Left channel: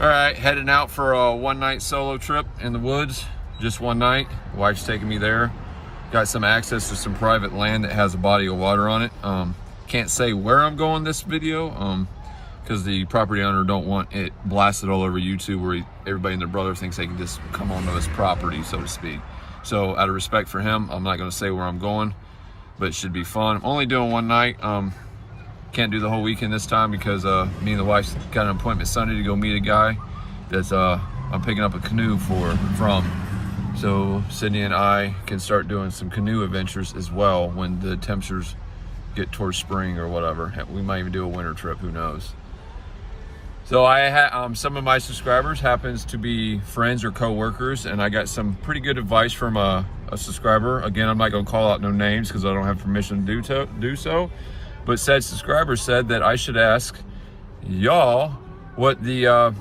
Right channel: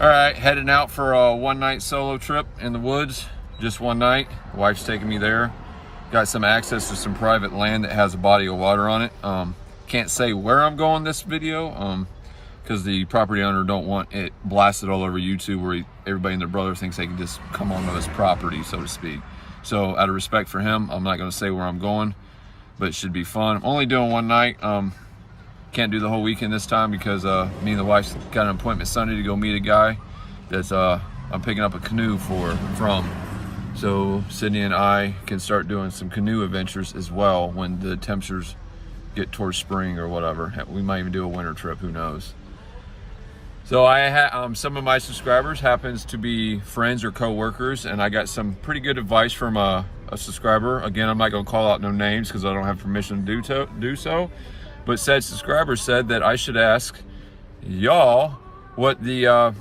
All right, heading out for a one-night solo trip in the woods. Just one night. Wife's taking me there. Got some access to some private land that has a body of water on it. Can't say where I'm going this video because the property owner don't want it blasted all over YouTube where everybody and their brother thinks they can just come onto his property, so to speak. So out of respect for him, I'm not going to say where I'm going, but it should be fun. I'm only doing one night. Can't do the whole weekend this time because me and the wife got an appointment Sunday to go meet a guy that I'm picking up a canoe from. So Sydney and I can start doing some canoe adventures as well when the temperatures get towards spring or whatever. We might even do a winter trip, who knows. So I had some of my subscribers happens to be friends or co-workers, and I got some pretty good advice from a subscriber. Again, I'm not going to call out no names because I don't have permission to do so. But said subscriber said that I should ask y'all what the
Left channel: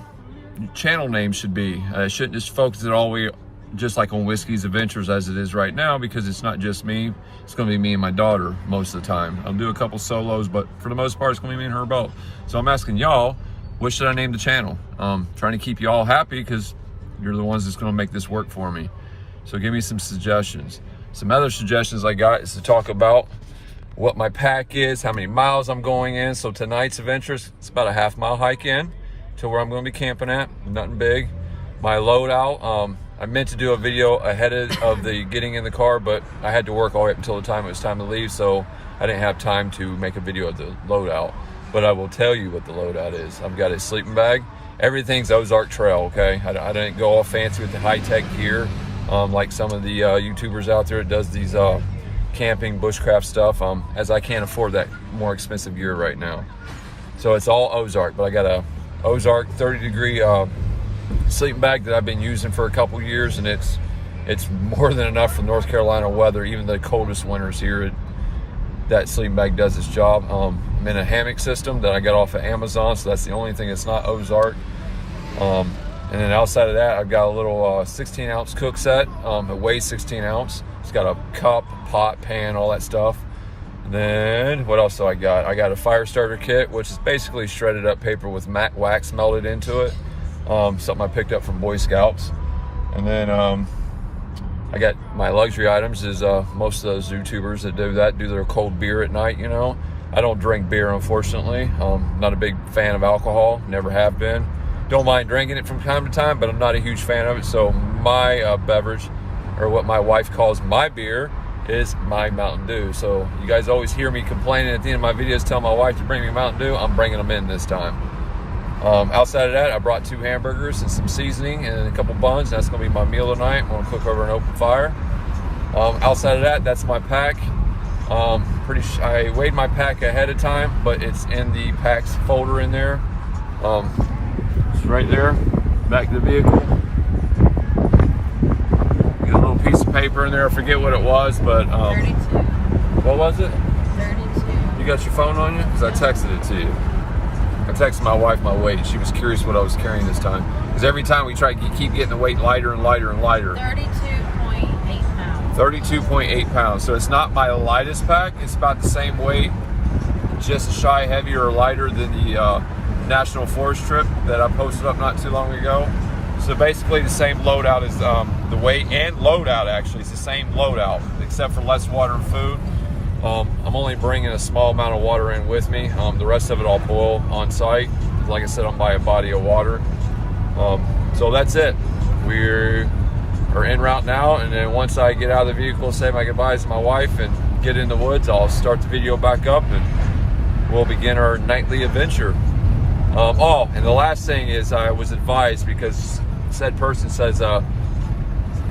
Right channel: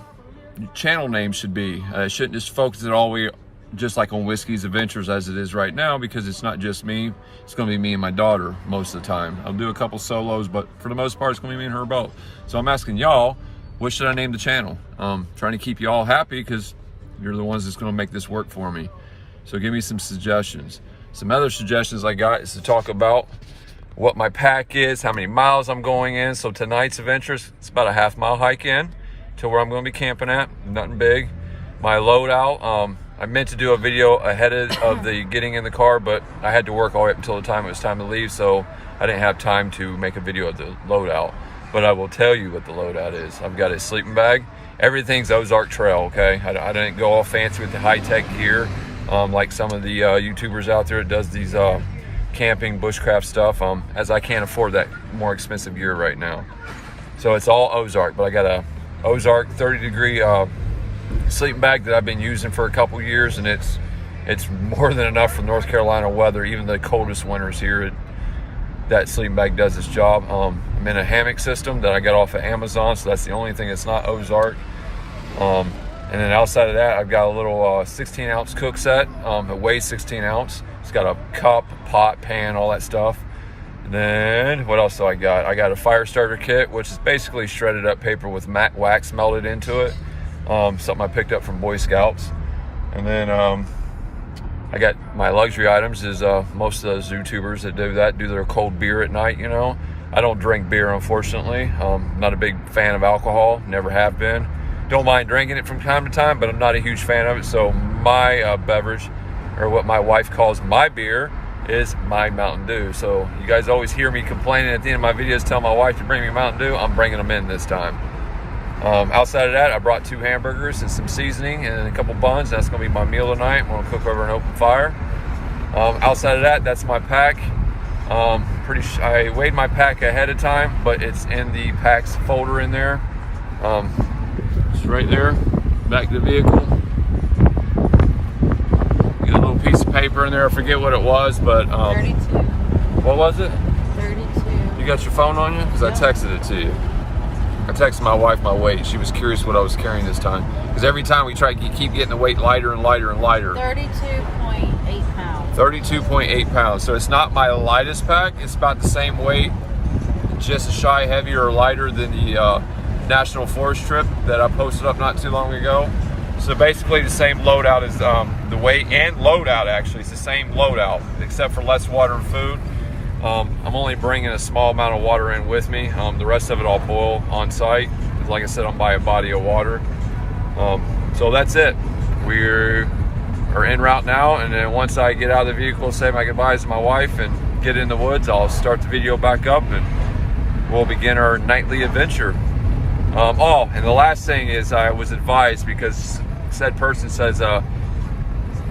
channel name should be. I shouldn't just focus it all the way just like on Whiskey's Adventures as it is right now, because it's not just me. It's going to be me and my daughter most of the time. I'll do a couple solos, but for the most part, it's going to be me and her both. So I'm asking y'all, what should I name the channel? Trying to keep you all happy because you're the ones that's going to make this work for me. So give me some suggestions. Some other suggestions I got is to talk about what my pack is, how many miles I'm going in. So tonight's adventures, it's about a half-mile hike in to where I'm going to be camping at. Nothing big. My loadout, I meant to do a video ahead of the getting in the car, but I had to work all the way up until the time it was time to leave, so I didn't have time to make a video of the loadout. But I will tell you what the loadout is. I've got a sleeping bag. Everything's Ozark Trail, okay? I didn't go all fancy with the high-tech gear like some of the YouTubers out there that does these camping bushcraft stuff, as I can't afford that more expensive gear right now. So it's all Ozark, but I got a Ozark 30-degree sleeping bag that I've been using for a couple years, and it's more than enough for North Carolina weather. Even the coldest winters here, that sleeping bag does its job. I'm in a hammock system that I got off of Amazon, so that's the only thing that's not Ozark. And then outside of that, I've got a little 16-ounce cook set. It weighs 16 ounce. It's got a cup, pot, pan, all that stuff. And then what else do I got? I got a fire starter kit, which is basically shredded up paper with matte wax melted into it. Something I picked up from Boy Scouts. And then I got my luxury items is most of those YouTubers that do that do their cold beer at night, you know. I don't drink beer, unfortunately. Not a big fan of alcohol, never have been. Don't mind drinking it from time to time, but I'm not a huge fan of it. So my beverage, or what my wife calls my beer, is my Mountain Dew. So you guys always hear me complaining at the end of my videos, tell my wife to bring me Mountain Dew. I'm bringing them in this time. Outside of that, I brought 2 hamburgers and some seasoning and a couple buns. That's going to be my meal tonight. I'm going to cook over an open fire. Outside of that, that's my pack. I weighed my pack ahead of time, but it's in the packs folder in there. It's right there, back to the vehicle. Get a little piece of paper in there. I forget what it was, but 32. What was it? 32. You got your phone on you? Because I texted it to you. I texted my wife my weight. She was curious what I was carrying this time. Because every time we try to keep getting the weight lighter and lighter and lighter. 32.8 pounds. 32.8 pounds. So it's not my lightest pack. It's about the same weight, just a shy heavier or lighter than the National Forest trip that I posted up not too long ago. So basically the same loadout as the weight and loadout actually. It's the same loadout except for less water and food. I'm only bringing a small amount of water in with me. The rest of it I'll boil on site. Like I said, I'm by a body of water. So that's it. We are en route now, and then once I get out of the vehicle, say my goodbyes to my wife and get in the woods, I'll start the video back up and we'll begin our nightly adventure. Oh, and the last thing is I was advised, because said person says,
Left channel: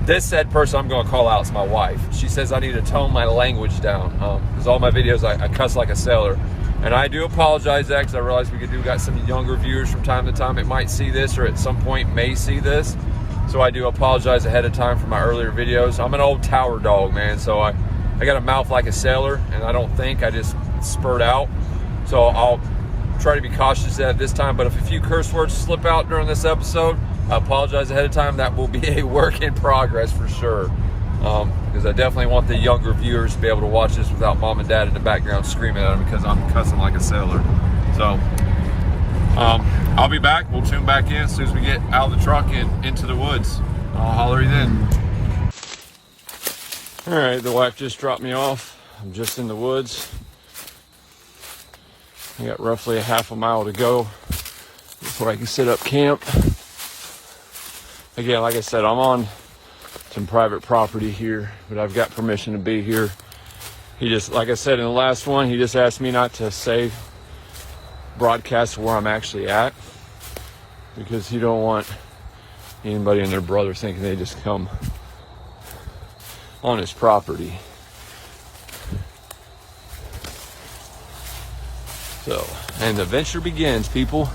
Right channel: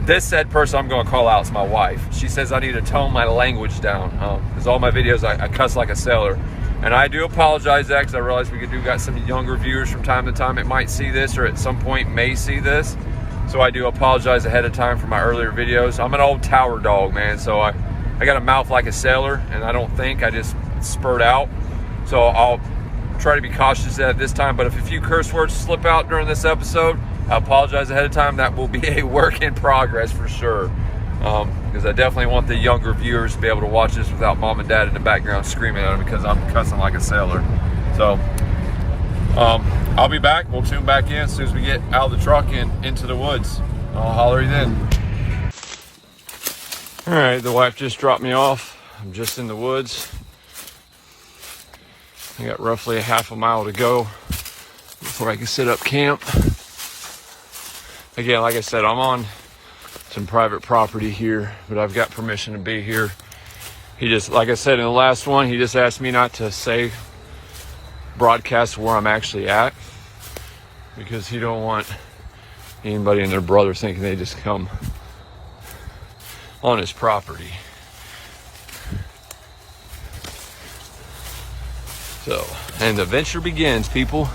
this said person I'm going to call out is my wife. She says I need to tone my language down because all my videos I cuss like a sailor. And I do apologize that, because I realize we got some younger viewers from time to time that might see this or at some point may see this. So I do apologize ahead of time for my earlier videos. I'm an old tower dog, man, so I got a mouth like a sailor, and I don't think, I just spurt out. So I'll try to be cautious at this time, but if a few curse words slip out during this episode, I apologize ahead of time. That will be a work in progress for sure, because I definitely want the younger viewers to be able to watch this without mom and dad in the background screaming at them because I'm cussing like a sailor. So I'll be back. We'll tune back in as soon as we get out of the truck and into the woods. I'll holler you then. All right, the wife just dropped me off. I'm just in the woods. I got roughly a half a mile to go before I can set up camp. Again, like I said, I'm on some private property here, but I've got permission to be here. He just, like I said in the last one, he just asked me not to broadcast where I'm actually at, because he don't want anybody and their brother thinking they just come on his property. So, and the venture begins, people.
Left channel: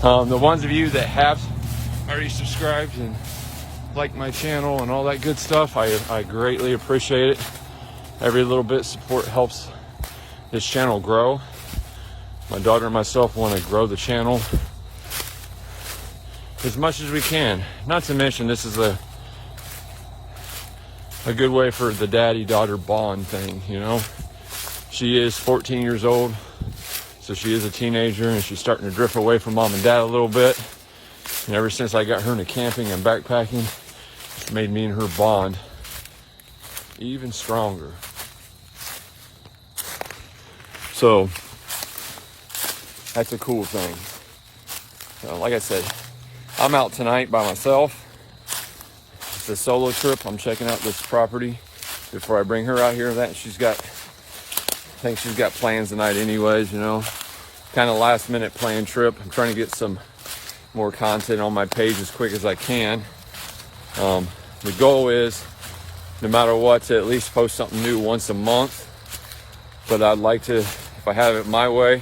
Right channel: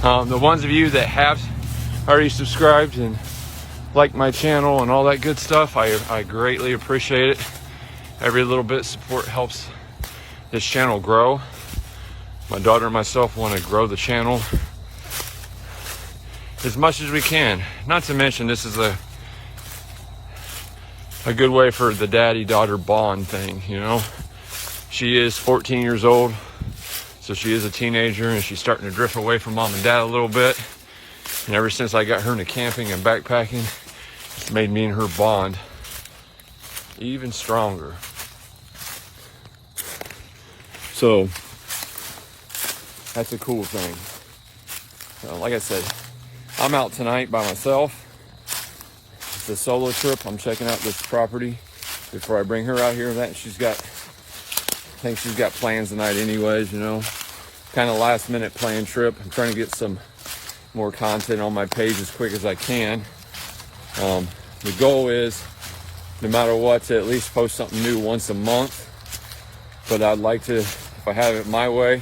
The ones of you that have already subscribed and liked my channel and all that good stuff, I greatly appreciate it. Every little bit of support helps this channel grow. My daughter and myself want to grow the channel as much as we can. Not to mention, this is a good way for the daddy-daughter bond thing, you know. She is 14 years old, so she is a teenager, and she's starting to drift away from mom and dad a little bit. And ever since I got her into camping and backpacking, it's made me and her bond even stronger. So that's a cool thing. Like I said, I'm out tonight by myself. It's a solo trip. I'm checking out this property before I bring her out here. I think she's got plans tonight anyways, you know. Kind of last minute planned trip. I'm trying to get some more content on my page as quick as I can. The goal is, no matter what, to at least post something new once a month. But I'd like to, if I have it my way,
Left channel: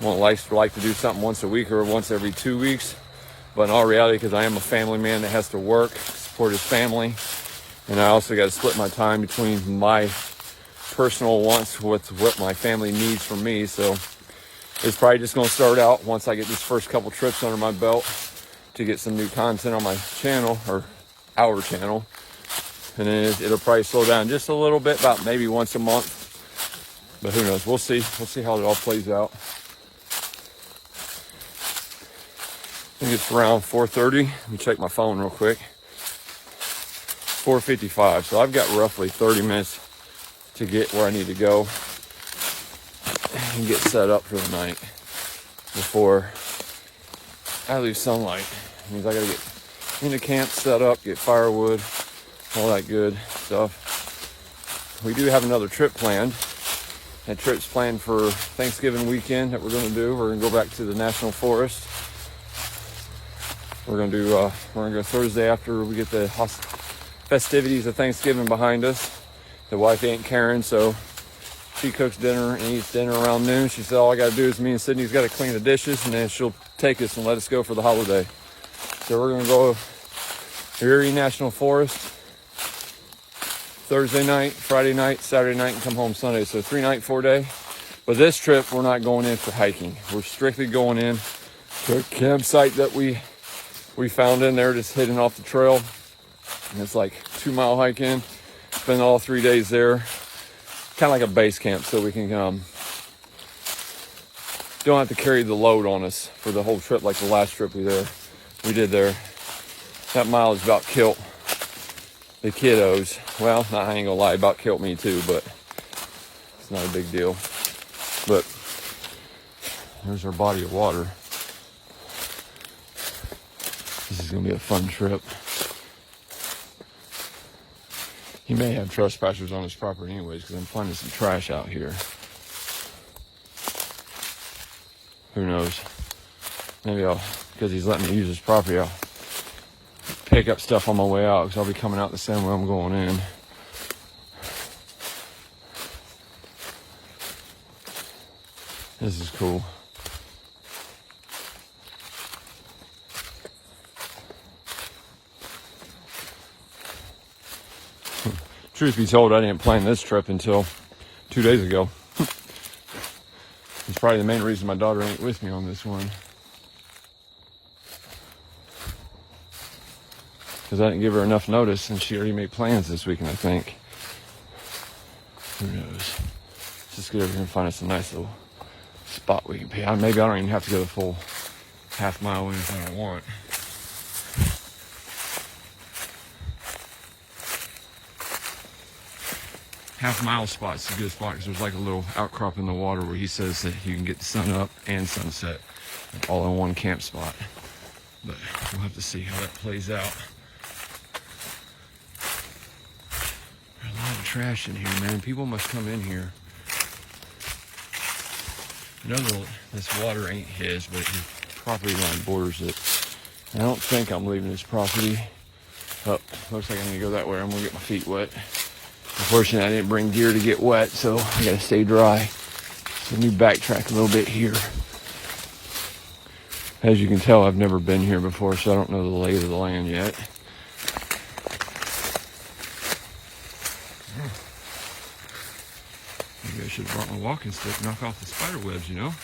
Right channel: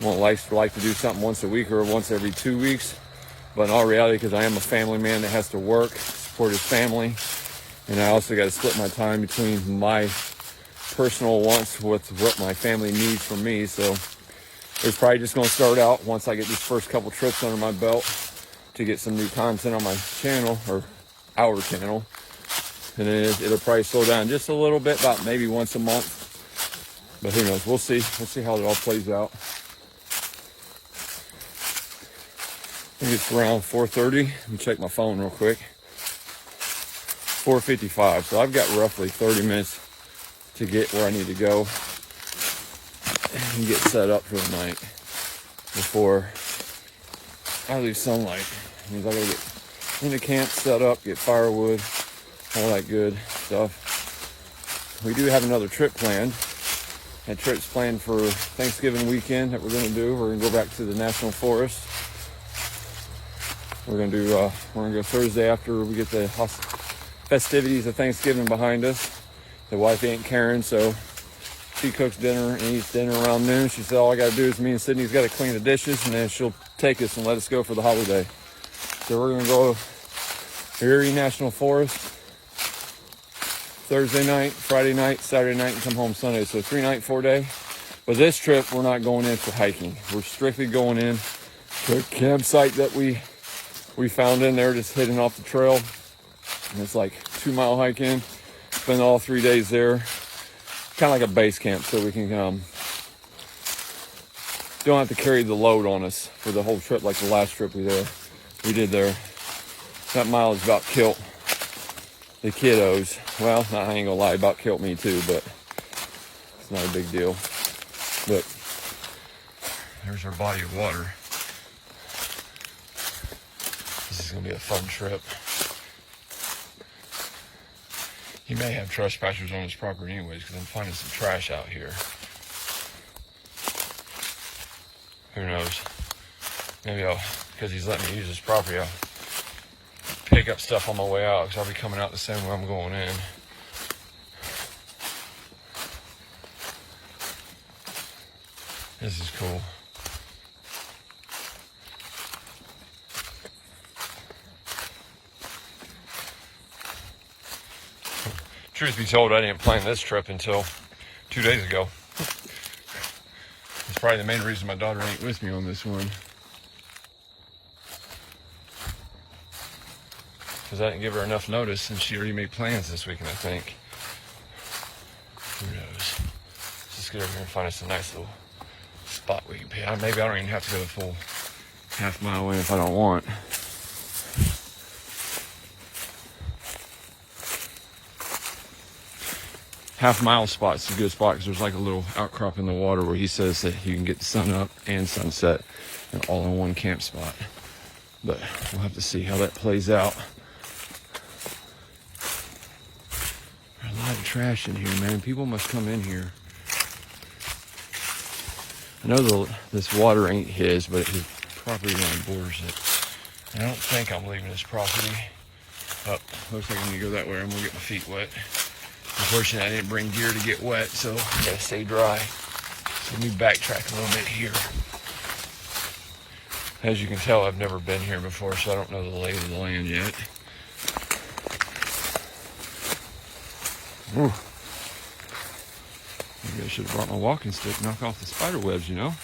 I won't like to do something once a week or once every 2 weeks. But in all reality, because I am a family man that has to work, support his family, and I also got to split my time between my personal wants with what my family needs from me. So it's probably just going to start out once I get these first couple trips under my belt to get some new content on my channel, or our channel. And then it'll probably slow down just a little bit, about maybe once a month. But who knows? We'll see. We'll see how it all plays out. I think it's around 4:30. Let me check my phone real quick. 4:55. So I've got roughly 30 minutes to get where I need to go and get set up for the night before I leave sunlight. That means I gotta get into camp, set up, get firewood, all that good stuff. We do have another trip planned. That trip's planned for Thanksgiving weekend that we're gonna do. We're gonna go back to the National Forest. We're gonna go Thursday after we get the festivities of Thanksgiving behind us. The wife ain't caring, so she cooks dinner and eats dinner around noon. She said all I gotta do is me and Sydney's gotta clean the dishes, and then she'll take us and let us go for the holiday. So we're gonna go to Erie National Forest Thursday night, Friday night, Saturday night, and come home Sunday. So 3-night, 4-day. But this trip, we're not going in for hiking. We're strictly going in to a campsite that we found in there, just hidden off the trail. And it's like 2-mile hike in. Spend all 3 days there. Kind of like a base camp, so we can don't have to carry the load on us for the whole trip like the last trip we did there. That mileage about killed the kiddos. Well, I ain't gonna lie, about killed me too, but it's not a big deal. But there's our body of water. This is gonna be a fun trip. He may have trespassers on his property anyways, because I'm finding some trash out here. Who knows? Maybe because he's letting me use his property, I'll pick up stuff on my way out, because I'll be coming out the same way I'm going in. This is cool. Truth be told, I didn't plan this trip until 2 days ago. It's probably the main reason my daughter ain't with me on this one. Because I didn't give her enough notice, and she already made plans this weekend, I think. Who knows? Let's just go over here and find us a nice little spot where you can, maybe I don't even have to go the full half-mile in if I don't want. Half-mile spot's a good spot because there's like a little outcrop in the water where he says that you can get the sun up and sunset all in one camp spot. But we'll have to see how that plays out. There's a lot of trash in here, man. People must come in here. I know this water ain't his, but his property line borders it. I don't think I'm leaving this property. But looks like I'm gonna go that way. I'm gonna get my feet wet. Unfortunately, I didn't bring gear to get wet, so I gotta stay dry. So let me backtrack a little bit here. As you can tell, I've never been here before, so I don't know the lay of the land yet. Ooh. Maybe I should have brought my walking stick, knock off the spider webs, you know?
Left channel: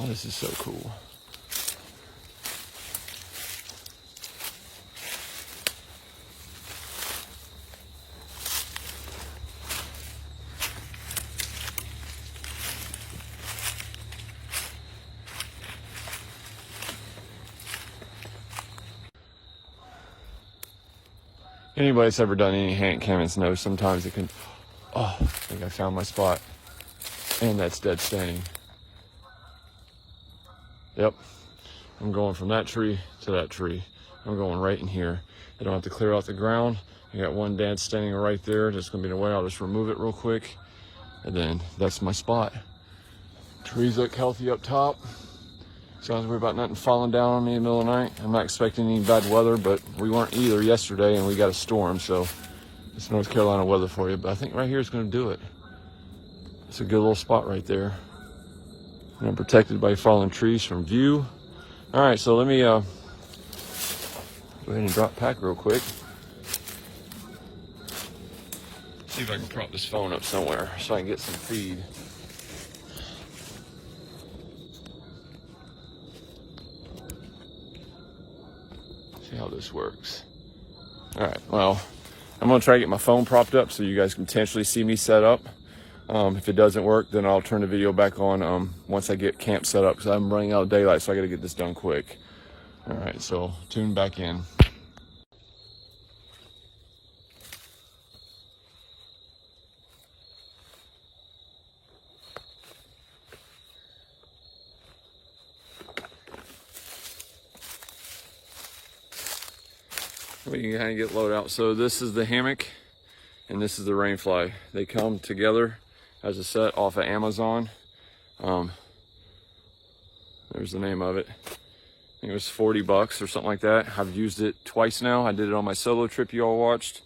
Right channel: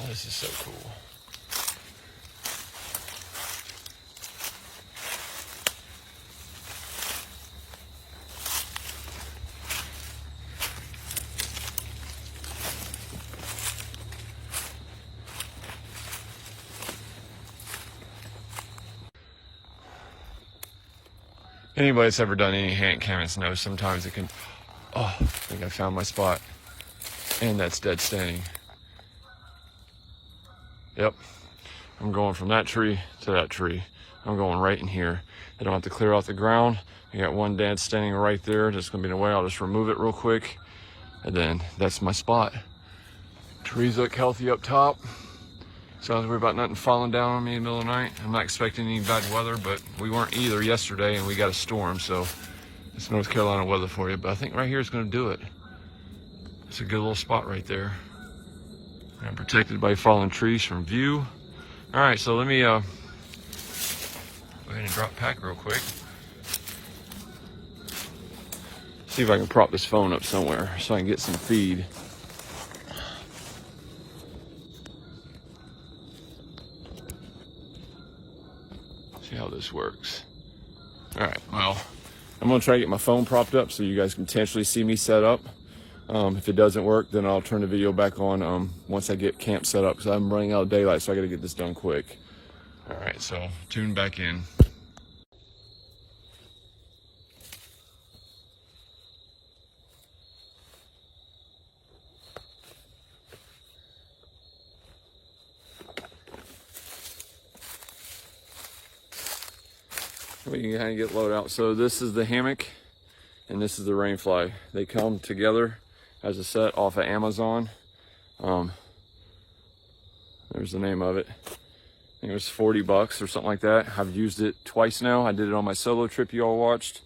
Oh, this is so cool. Anybody that's ever done any hand cannons knows sometimes it can, oh, I think I found my spot. And that's dead standing. Yep, I'm going from that tree to that tree. I'm going right in here. I don't have to clear out the ground. I got one dead standing right there that's gonna be in the way. I'll just remove it real quick. And then that's my spot. Trees look healthy up top. So I don't have to worry about nothing falling down on me in the middle of the night. I'm not expecting any bad weather, but we weren't either yesterday and we got a storm. So it's North Carolina weather for you. But I think right here is gonna do it. It's a good little spot right there. And I'm protected by fallen trees from view. All right, so let me go ahead and drop pack real quick. See if I can prop this phone up somewhere so I can get some feed. See how this works. All right, well, I'm gonna try to get my phone propped up so you guys can potentially see me set up. If it doesn't work, then I'll turn the video back on once I get camp set up, because I'm running out of daylight, so I gotta get this done quick. All right, so tune back in. We can kind of get loaded out. So this is the hammock and this is the rainfly. They come together as a set off of Amazon. There's the name of it. I think it was 40 bucks or something like that. I've used it twice now. I did it on my solo trip you all watched.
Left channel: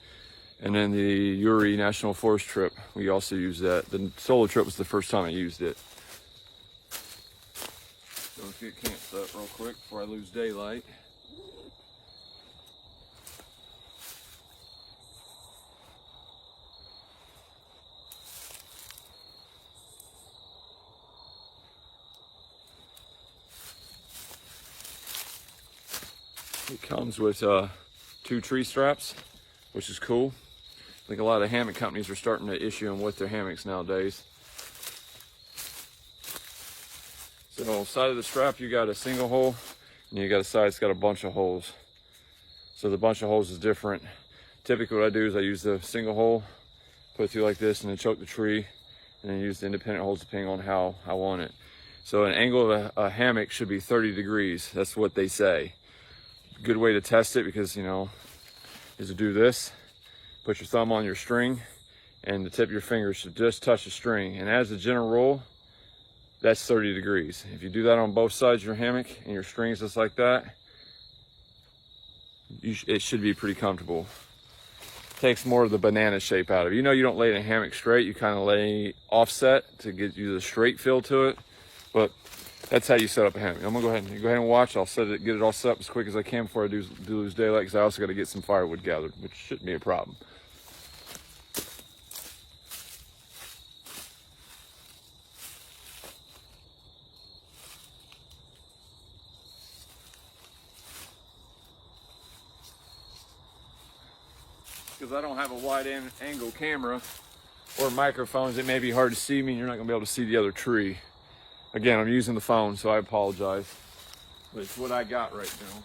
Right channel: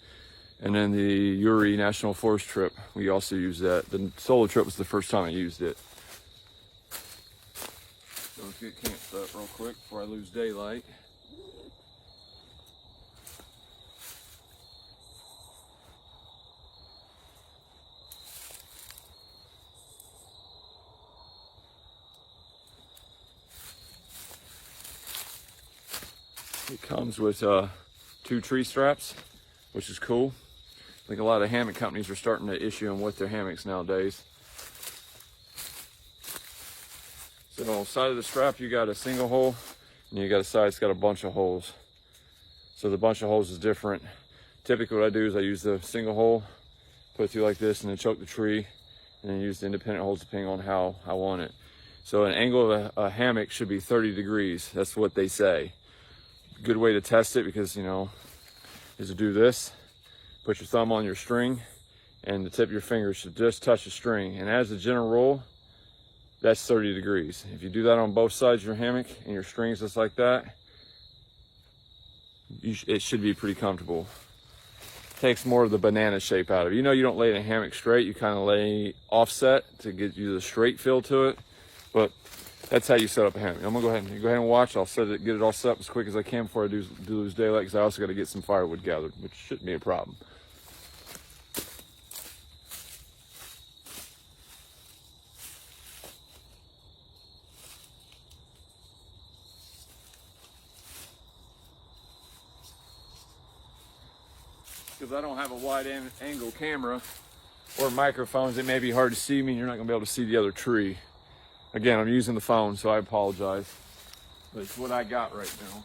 And then the Uri National Forest trip, we also used that. The solo trip was the first time I used it. So let's get camp set up real quick before I lose daylight. It comes with 2 tree straps, which is cool. I think a lot of hammock companies are starting to issue them with their hammocks nowadays. So on the side of the strap, you got a single hole, and you got a side that's got a bunch of holes. So the bunch of holes is different. Typically what I do is I use the single hole, put it through like this, and then choke the tree, and then use the independent holes depending on how I want it. So an angle of a hammock should be 30 degrees. That's what they say. Good way to test it, because you know, is to do this, put your thumb on your string and the tip of your fingers should just touch the string, and as a general rule, that's 30 degrees. If you do that on both sides of your hammock and your strings just like that, it should be pretty comfortable. Takes more of the banana shape out of it. You know, you don't lay in a hammock straight, you kind of lay offset to get you the straight feel to it, but that's how you set up a hammock. I'm gonna go ahead and watch. I'll get it all set up as quick as I can before I do lose daylight, because I also got to get some firewood gathered, which shouldn't be a problem. because I don't have a wide angle camera or microphones. It may be hard to see me and you're not gonna be able to see the other tree. Again, I'm using the phone, so I apologize. But it's what I got right now.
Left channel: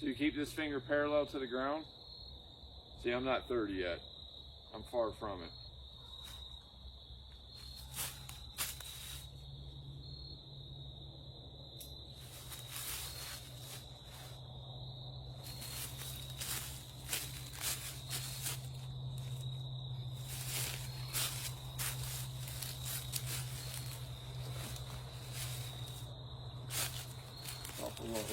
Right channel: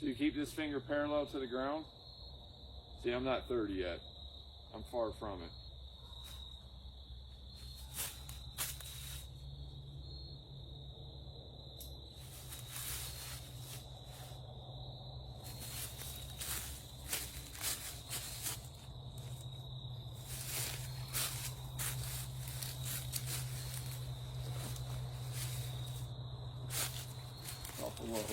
So you keep this finger parallel to the ground. See, I'm not 30 yet. I'm far from it. Awful low.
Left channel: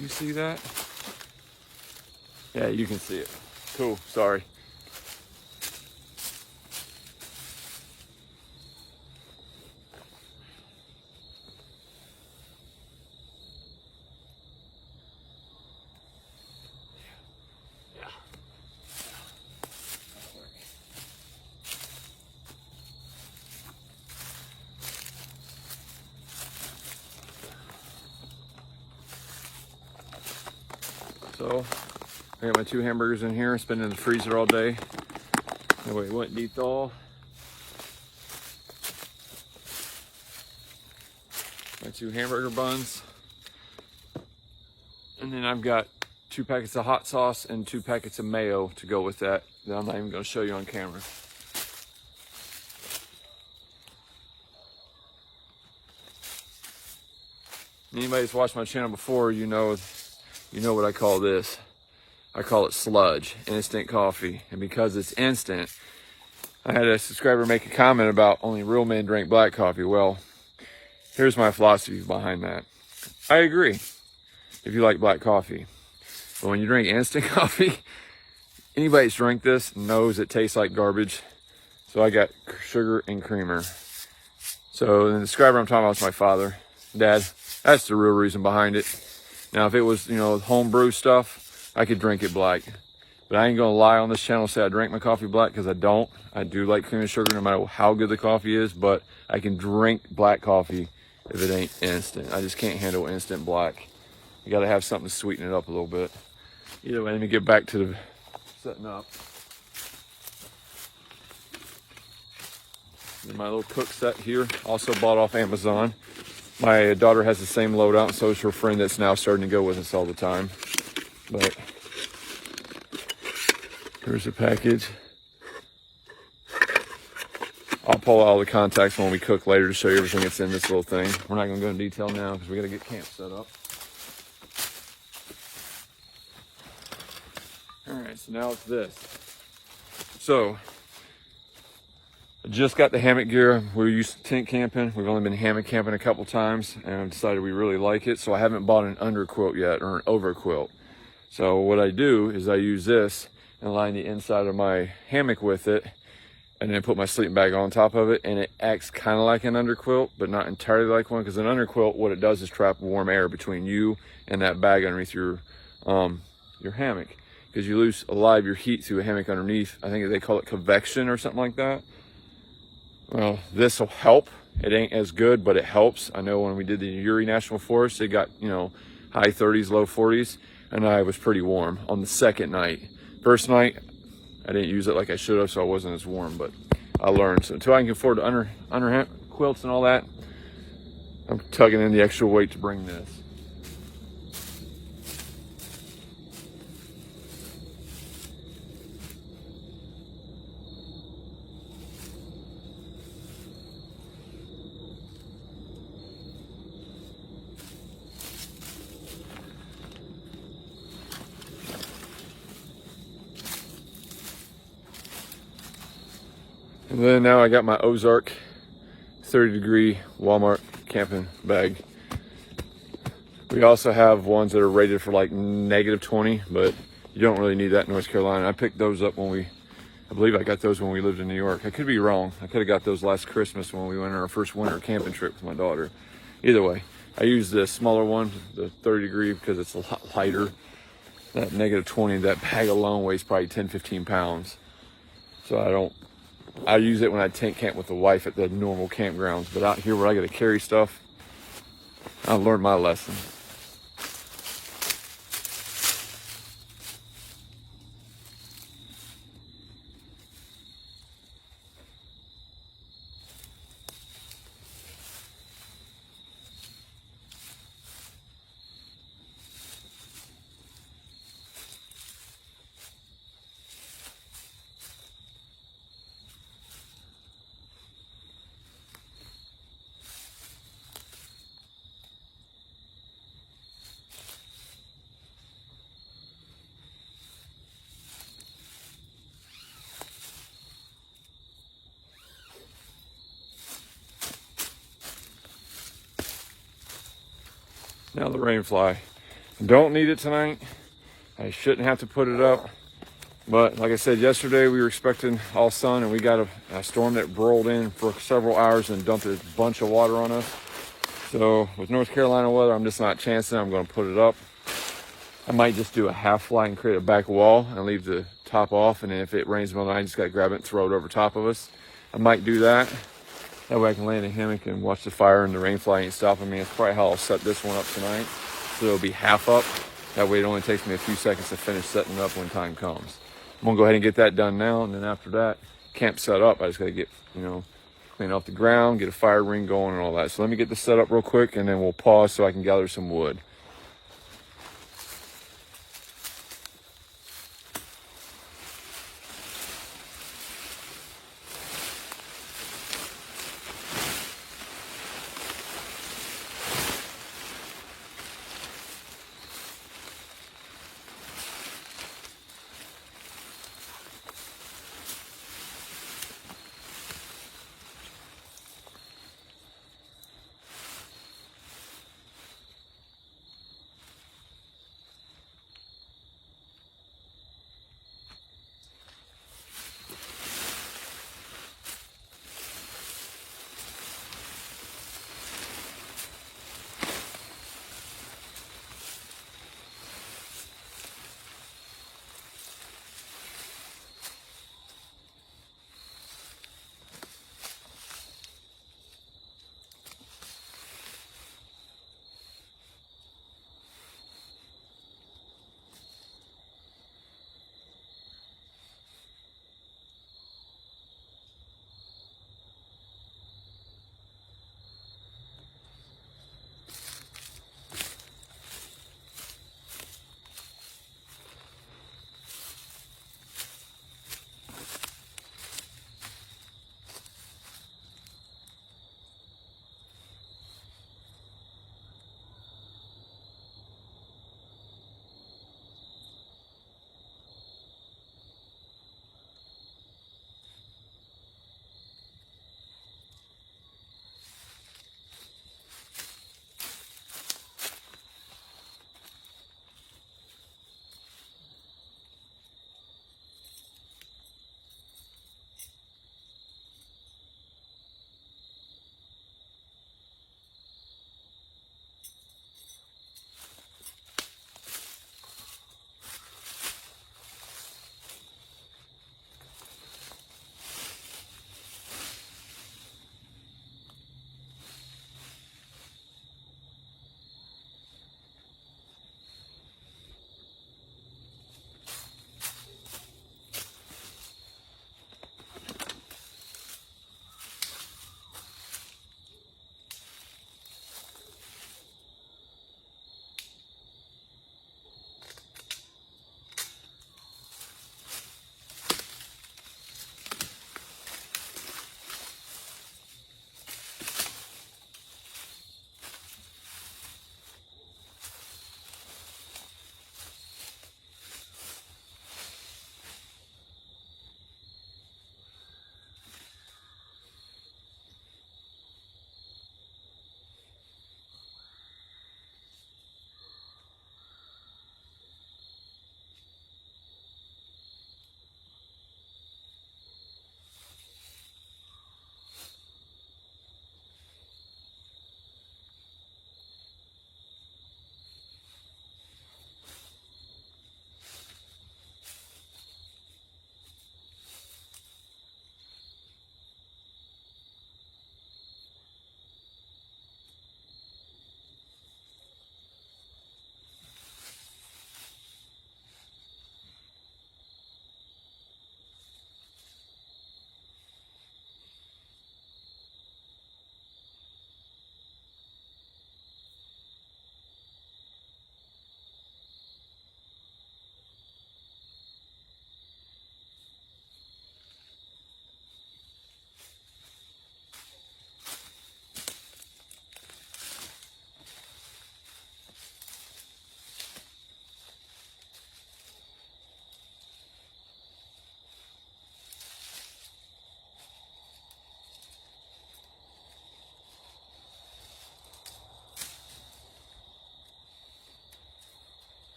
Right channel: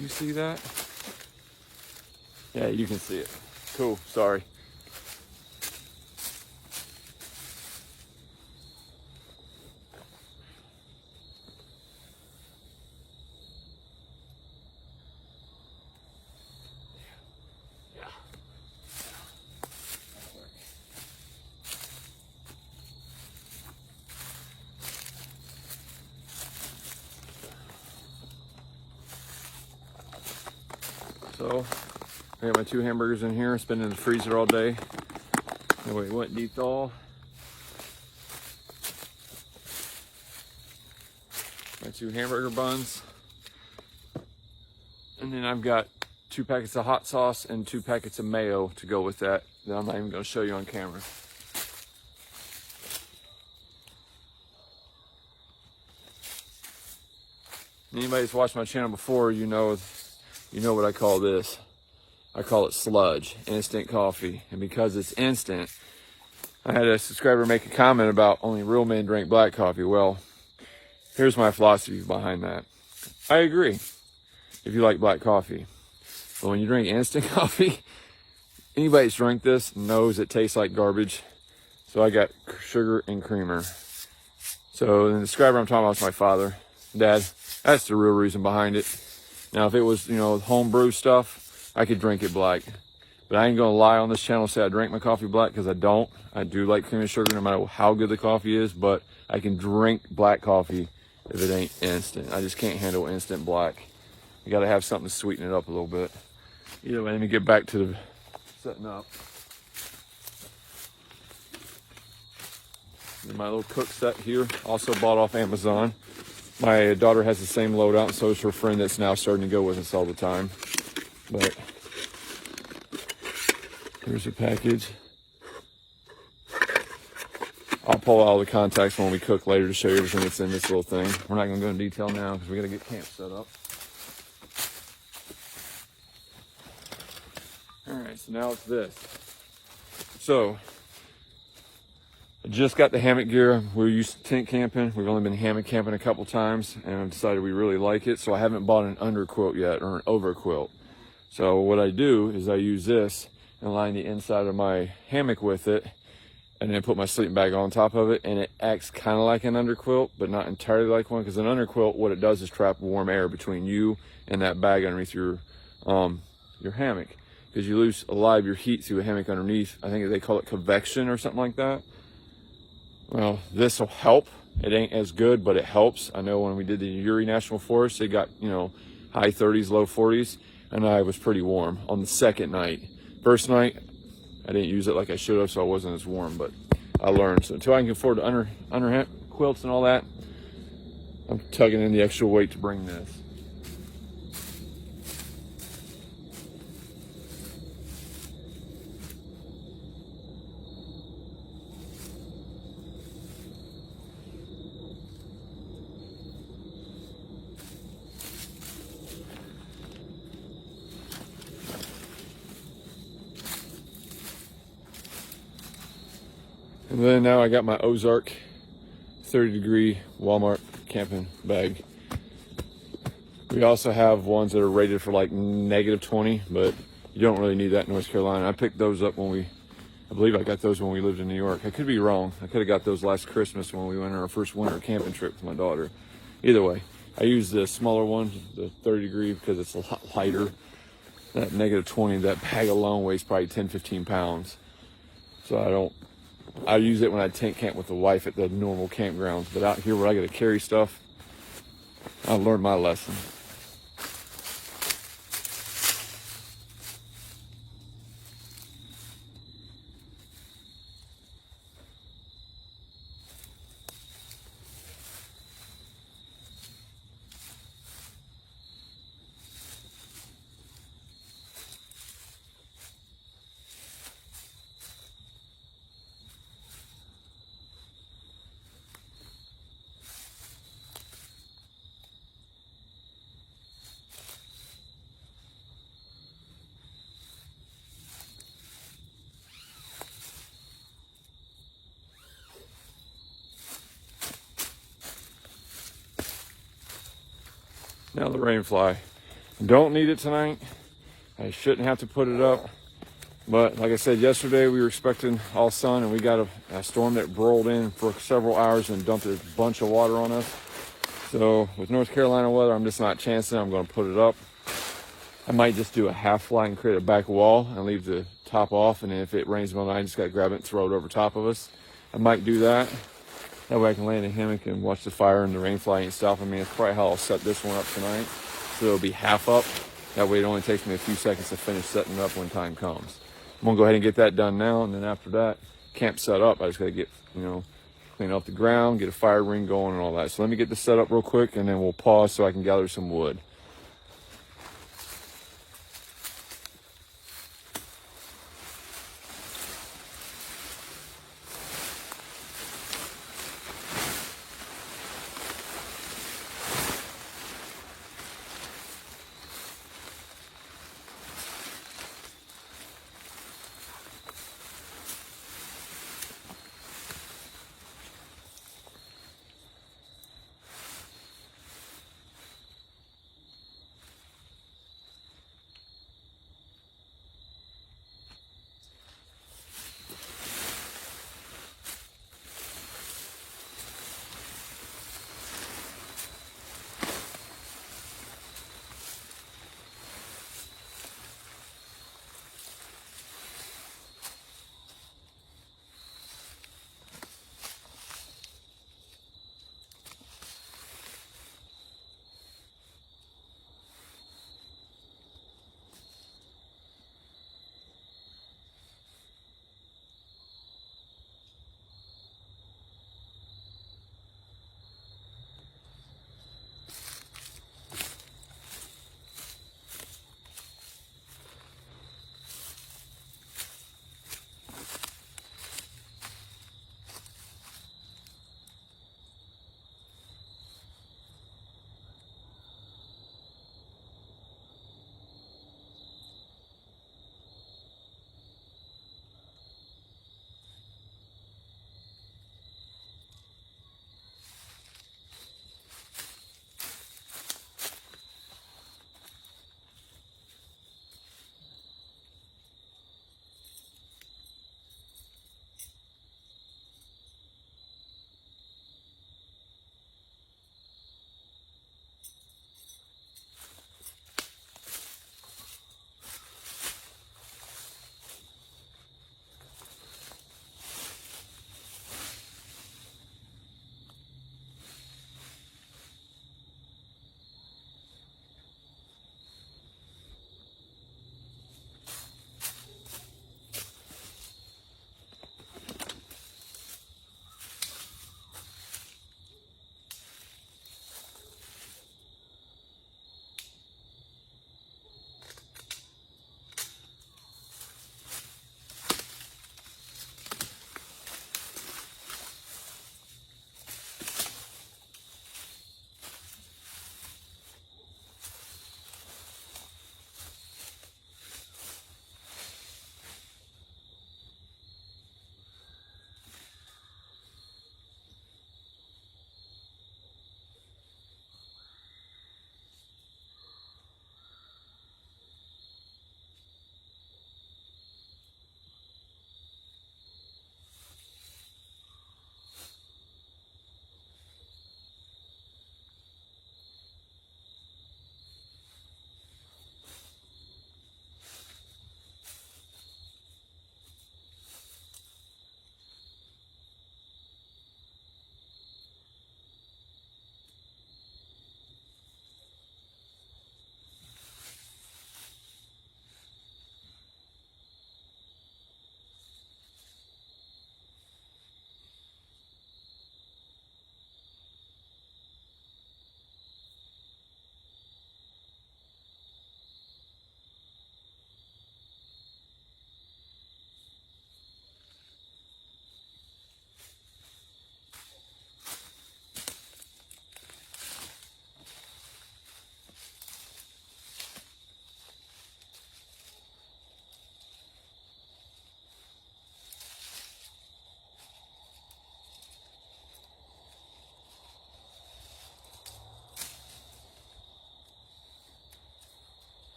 You see that? Yeah, you can see it. Cool, sorry. So, I got my 2 hamburgers in here. It's been in the freezer all day. Anyway, it went deep thaw. My 2 hamburger buns. And then I've got 2 packets of hot sauce and 2 packets of mayo to go with that. That I'm not even going to show you on camera. Anybody that's watched my channel before, you know what I call this. I call it sludge, instant coffee. And because it's instant, I had a subscriber make a comment about only real men drink black coffee. Well, here's my philosophy behind that. I agree if you like black coffee. But when you drink instant coffee, anybody that's drank this knows it tastes like garbage. So I got sugar and creamer. So the subscriber I'm talking about is my father. Dad, that's the real reason behind it. Now, if it was, homebrew stuff, I could drink it black. But I ain't gonna lie on this channel and say I drink my coffee black, because I don't. I do like cream and sugar no matter how good the coffee is, but I can drink black coffee if it ain't instant. I just can't handle instant black. You gotta have something to sweeten it up a little bit. Either way, let me get back to the setting up. And my little cook set here, also bought off Amazon. My daughter has the same loadout, and so is her friend that's now starting to go with us all the time. But here's the package. I'll pull out all the contacts when we cook later to show you everything that's in this little thing. We're not going to go into detail now because we got to get camp set up. All right, so now it's this. So I just got the hammock gear. We're used to tent camping. We've only been hammock camping a couple times, and I've decided we really like it. So I haven't bought an under quilt yet, or an over quilt. So what I do is I use this and line the inside of my hammock with it, and then put my sleeping bag on top of it, and it acts kind of like an underquilt, but not entirely like one, because an underquilt, what it does is trap warm air between you and that bag underneath your hammock, because you lose a lot of your heat through a hammock underneath. I think they call it convection or something like that. Well, this will help. It ain't as good, but it helps. I know when we did the Uri National Forest, it got, you know, high 30s, low 40s, and I was pretty warm on the second night. First night, I didn't use it like I should have, so I wasn't as warm, but I learned. So until I can afford the under quilts and all that, I'm tugging in the extra weight to bring this. And then now I got my Ozark 30-degree Walmart camping bag. We also have ones that are rated for like -20, but you don't really need that in North Carolina. I picked those up when I believe I got those when we lived in New York. I could be wrong. I could have got those last Christmas when we went on our first winter camping trip with my daughter. Either way, I used the smaller one, the 30-degree, because it's a lot lighter. That -20, that bag alone weighs probably 10, 15 pounds. So I use it when I tent camp with the wife at the normal campgrounds, but out here where I got to carry stuff, I learned my lesson. Now the rain fly. Don't need it tonight. I shouldn't have to put it up. But like I said, yesterday we were expecting all sun, and we got a storm that rolled in for several hours and dumped a bunch of water on us. So with North Carolina weather, I'm just not chancing. I'm going to put it up. I might just do a half fly and create a back wall and leave the top off. And then if it rains all night, I just got to grab it and throw it over top of us. I might do that. That way I can lay in a hammock and watch the fire, and the rain fly ain't stopping me. It's probably how I'll set this one up tonight. So it'll be half up. That way it only takes me a few seconds to finish setting it up when time comes. I'm gonna go ahead and get that done now, and then after that, camp set up. I just gotta get, clean off the ground, get a fire ring going and all that. So let me get this set up real quick, and then we'll pause so I can gather some wood.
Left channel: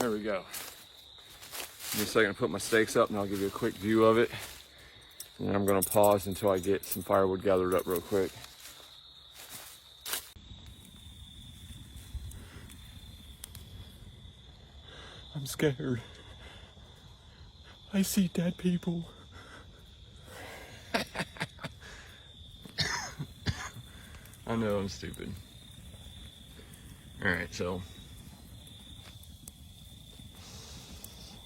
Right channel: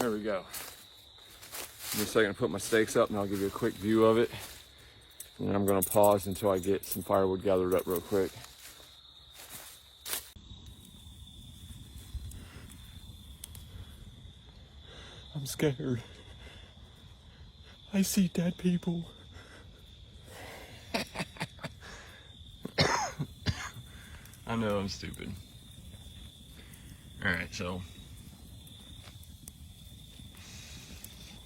There we go. In a second, I'll put my stakes up and I'll give you a quick view of it. And then I'm gonna pause until I get some firewood gathered up real quick. I'm scared. I see dead people. I know I'm stupid. All right, so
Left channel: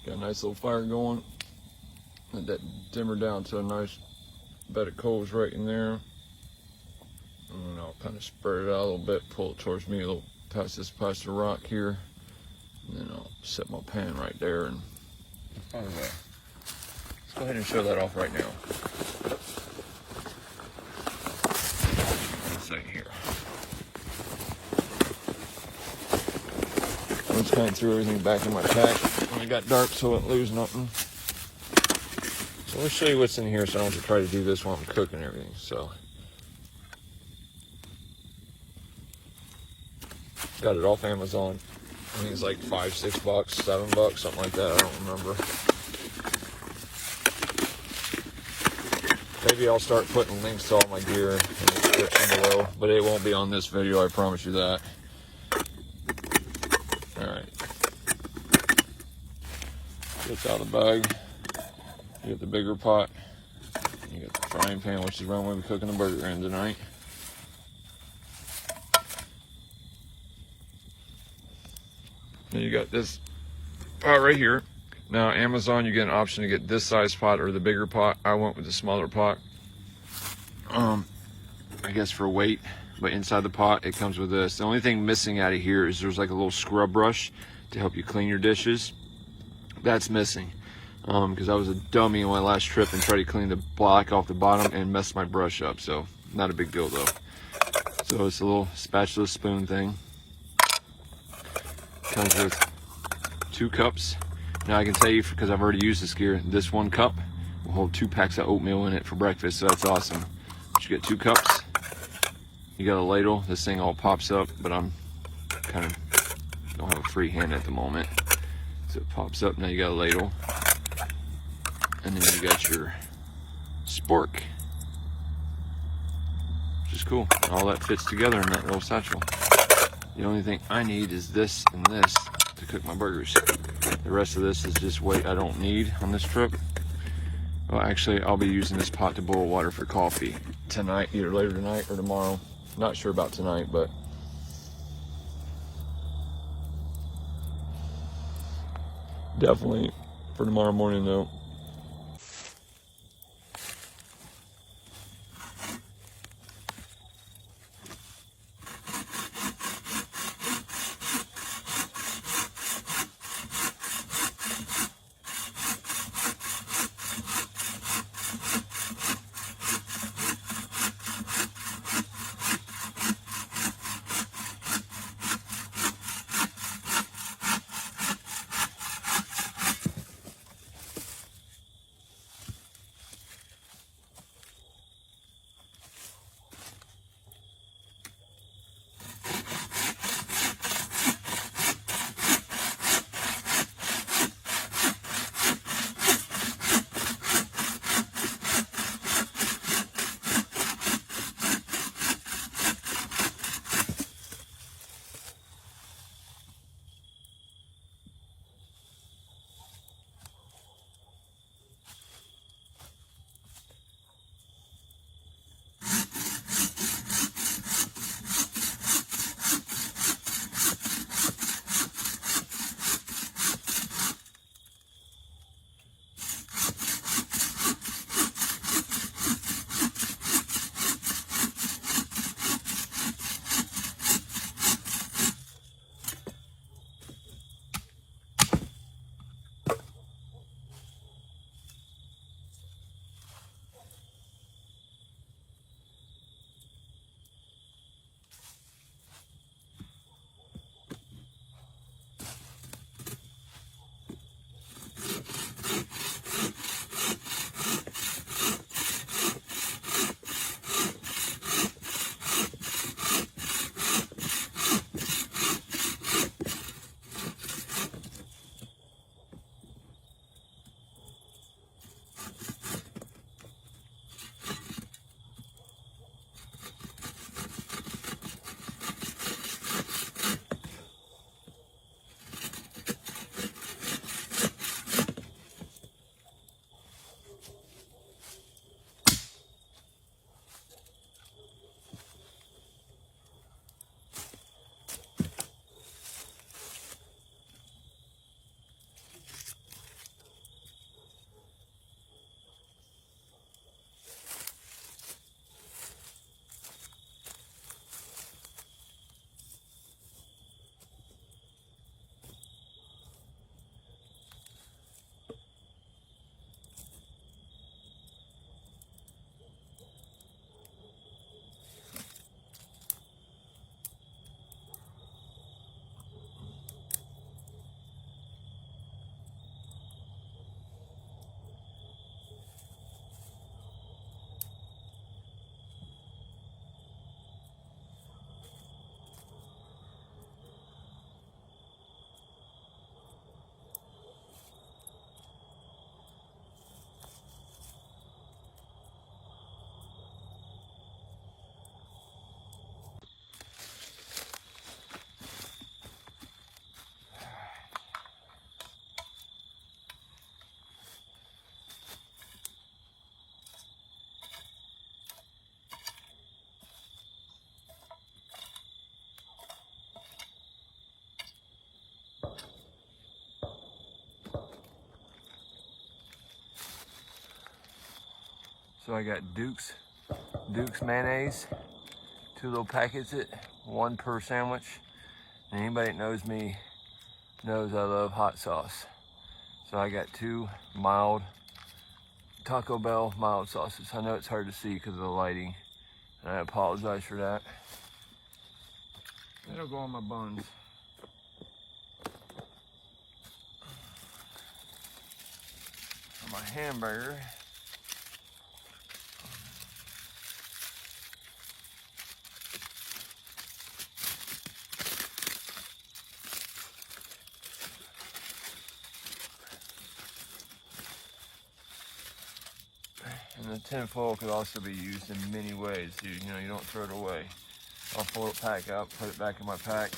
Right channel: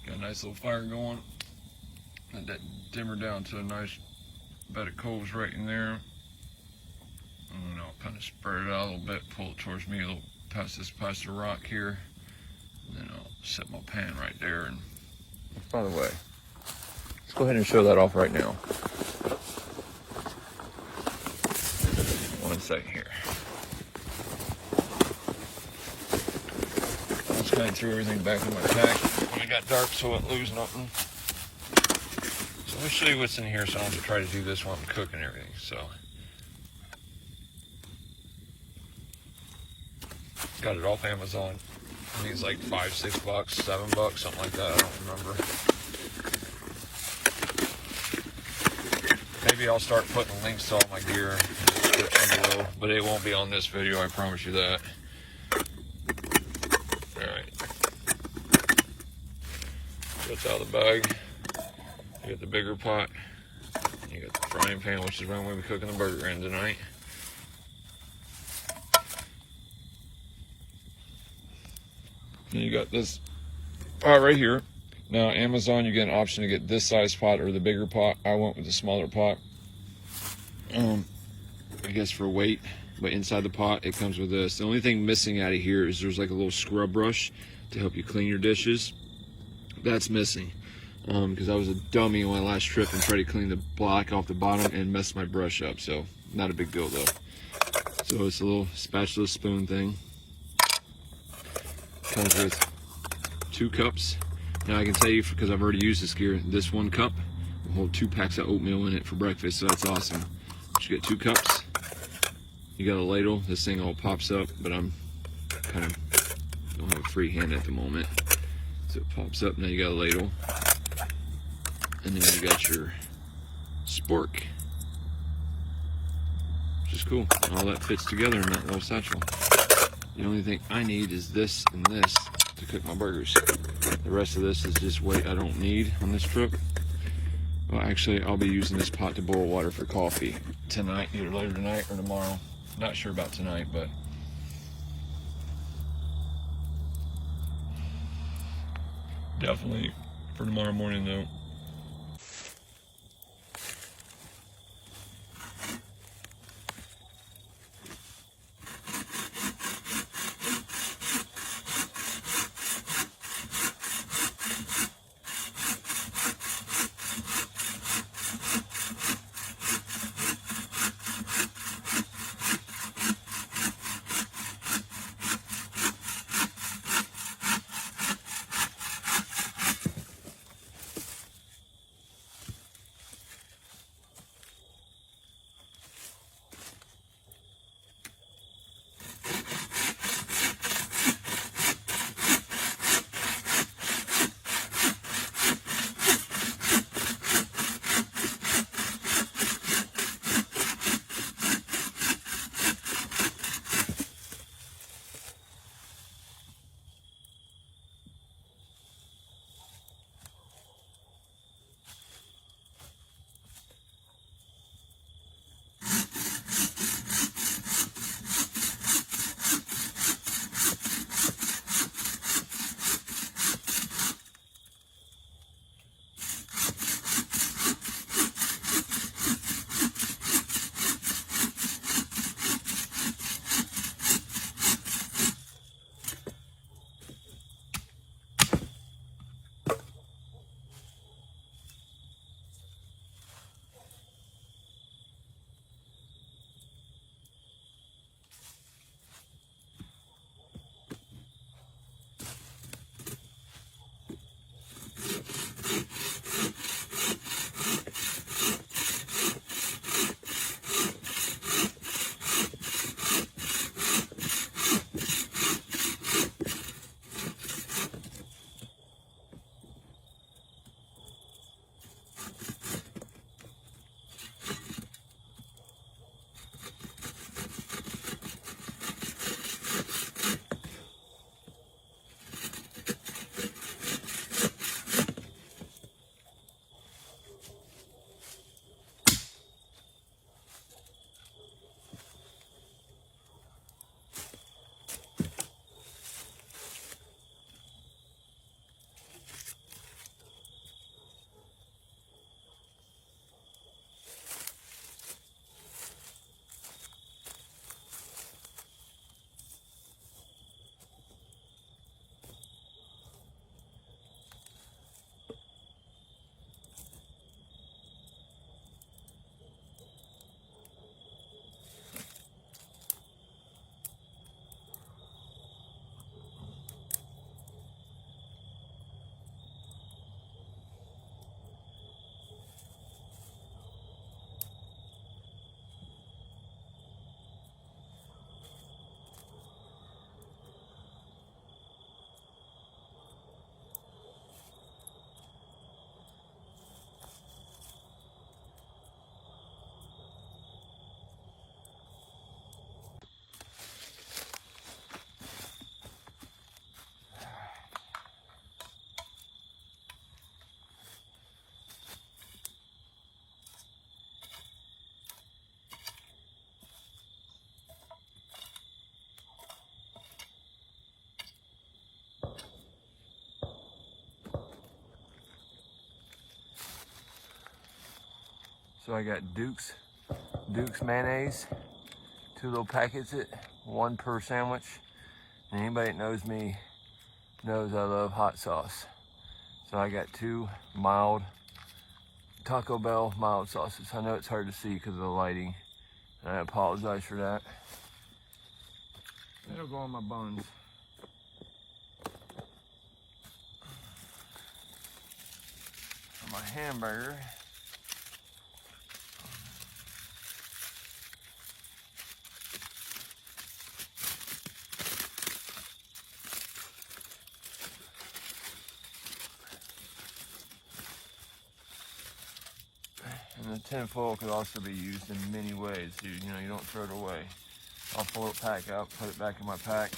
got a nice little fire going. Let that dimmer down to a nice bed of coals right in there. And I'll kind of spread it out a little bit, pull it towards me a little past the rock here. And then I'll set my pan right there. And by the way, let's go ahead and show that off right now. One second here. I just kind of threw everything back in my pack. I got dark so I won't lose nothing. So let me show you what's in here. So I want to try to do this while I'm cooking everything. So got it off Amazon. I think it's like $5, $6, $7, something like that. I don't remember. Maybe I'll start putting links to all my gear in the description below, but it won't be on this video, I promise you that. Alright. It's out of the bag. You get the bigger pot. You get the frying pan, which is where I'm going to be cooking the burger in tonight. Then you got this pot right here. Now, Amazon, you get an option to get this size pot or the bigger pot. I went with the smaller pot. I guess for weight, but inside the pot, it comes with this. The only thing missing out of here is there's like a little scrub brush to help you clean your dishes. That's missing. Because I was a dummy on my last trip and tried to clean the black off the bottom and messed my brush up. So, not a big deal though. So, it's a little spatula spoon thing. Comes with 2 cups. Now I can tell you, because I've already used this gear, this 1 cup will hold 2 packs of oatmeal in it for breakfast, so that's awesome. But you get 2 cups. You got a ladle. This thing all pops up, but I'm kind of don't have a free hand at the moment, so it pops up. Now you got a ladle, and then you got your spork, which is cool. All that fits together in that little satchel. The only thing I need is this and this to cook my burgers. The rest of this is just weight I don't need on this trip. Well, actually, I'll be using this pot to boil water for coffee tonight, either later tonight or tomorrow. Not sure about tonight, but definitely for tomorrow morning though. So I got Duke's mayonnaise, 2 little packets, 1 per sandwich. And anybody that knows me knows I love hot sauce. So I got 2 mild Taco Bell mild sauces. I know it's hard to see because of the lighting, and I apologize for that. That'll go on my buns. For my hamburger, and the tin foil could also be used in many ways. You know, you don't throw it away. I'll fold it pack up, put it back in my pack.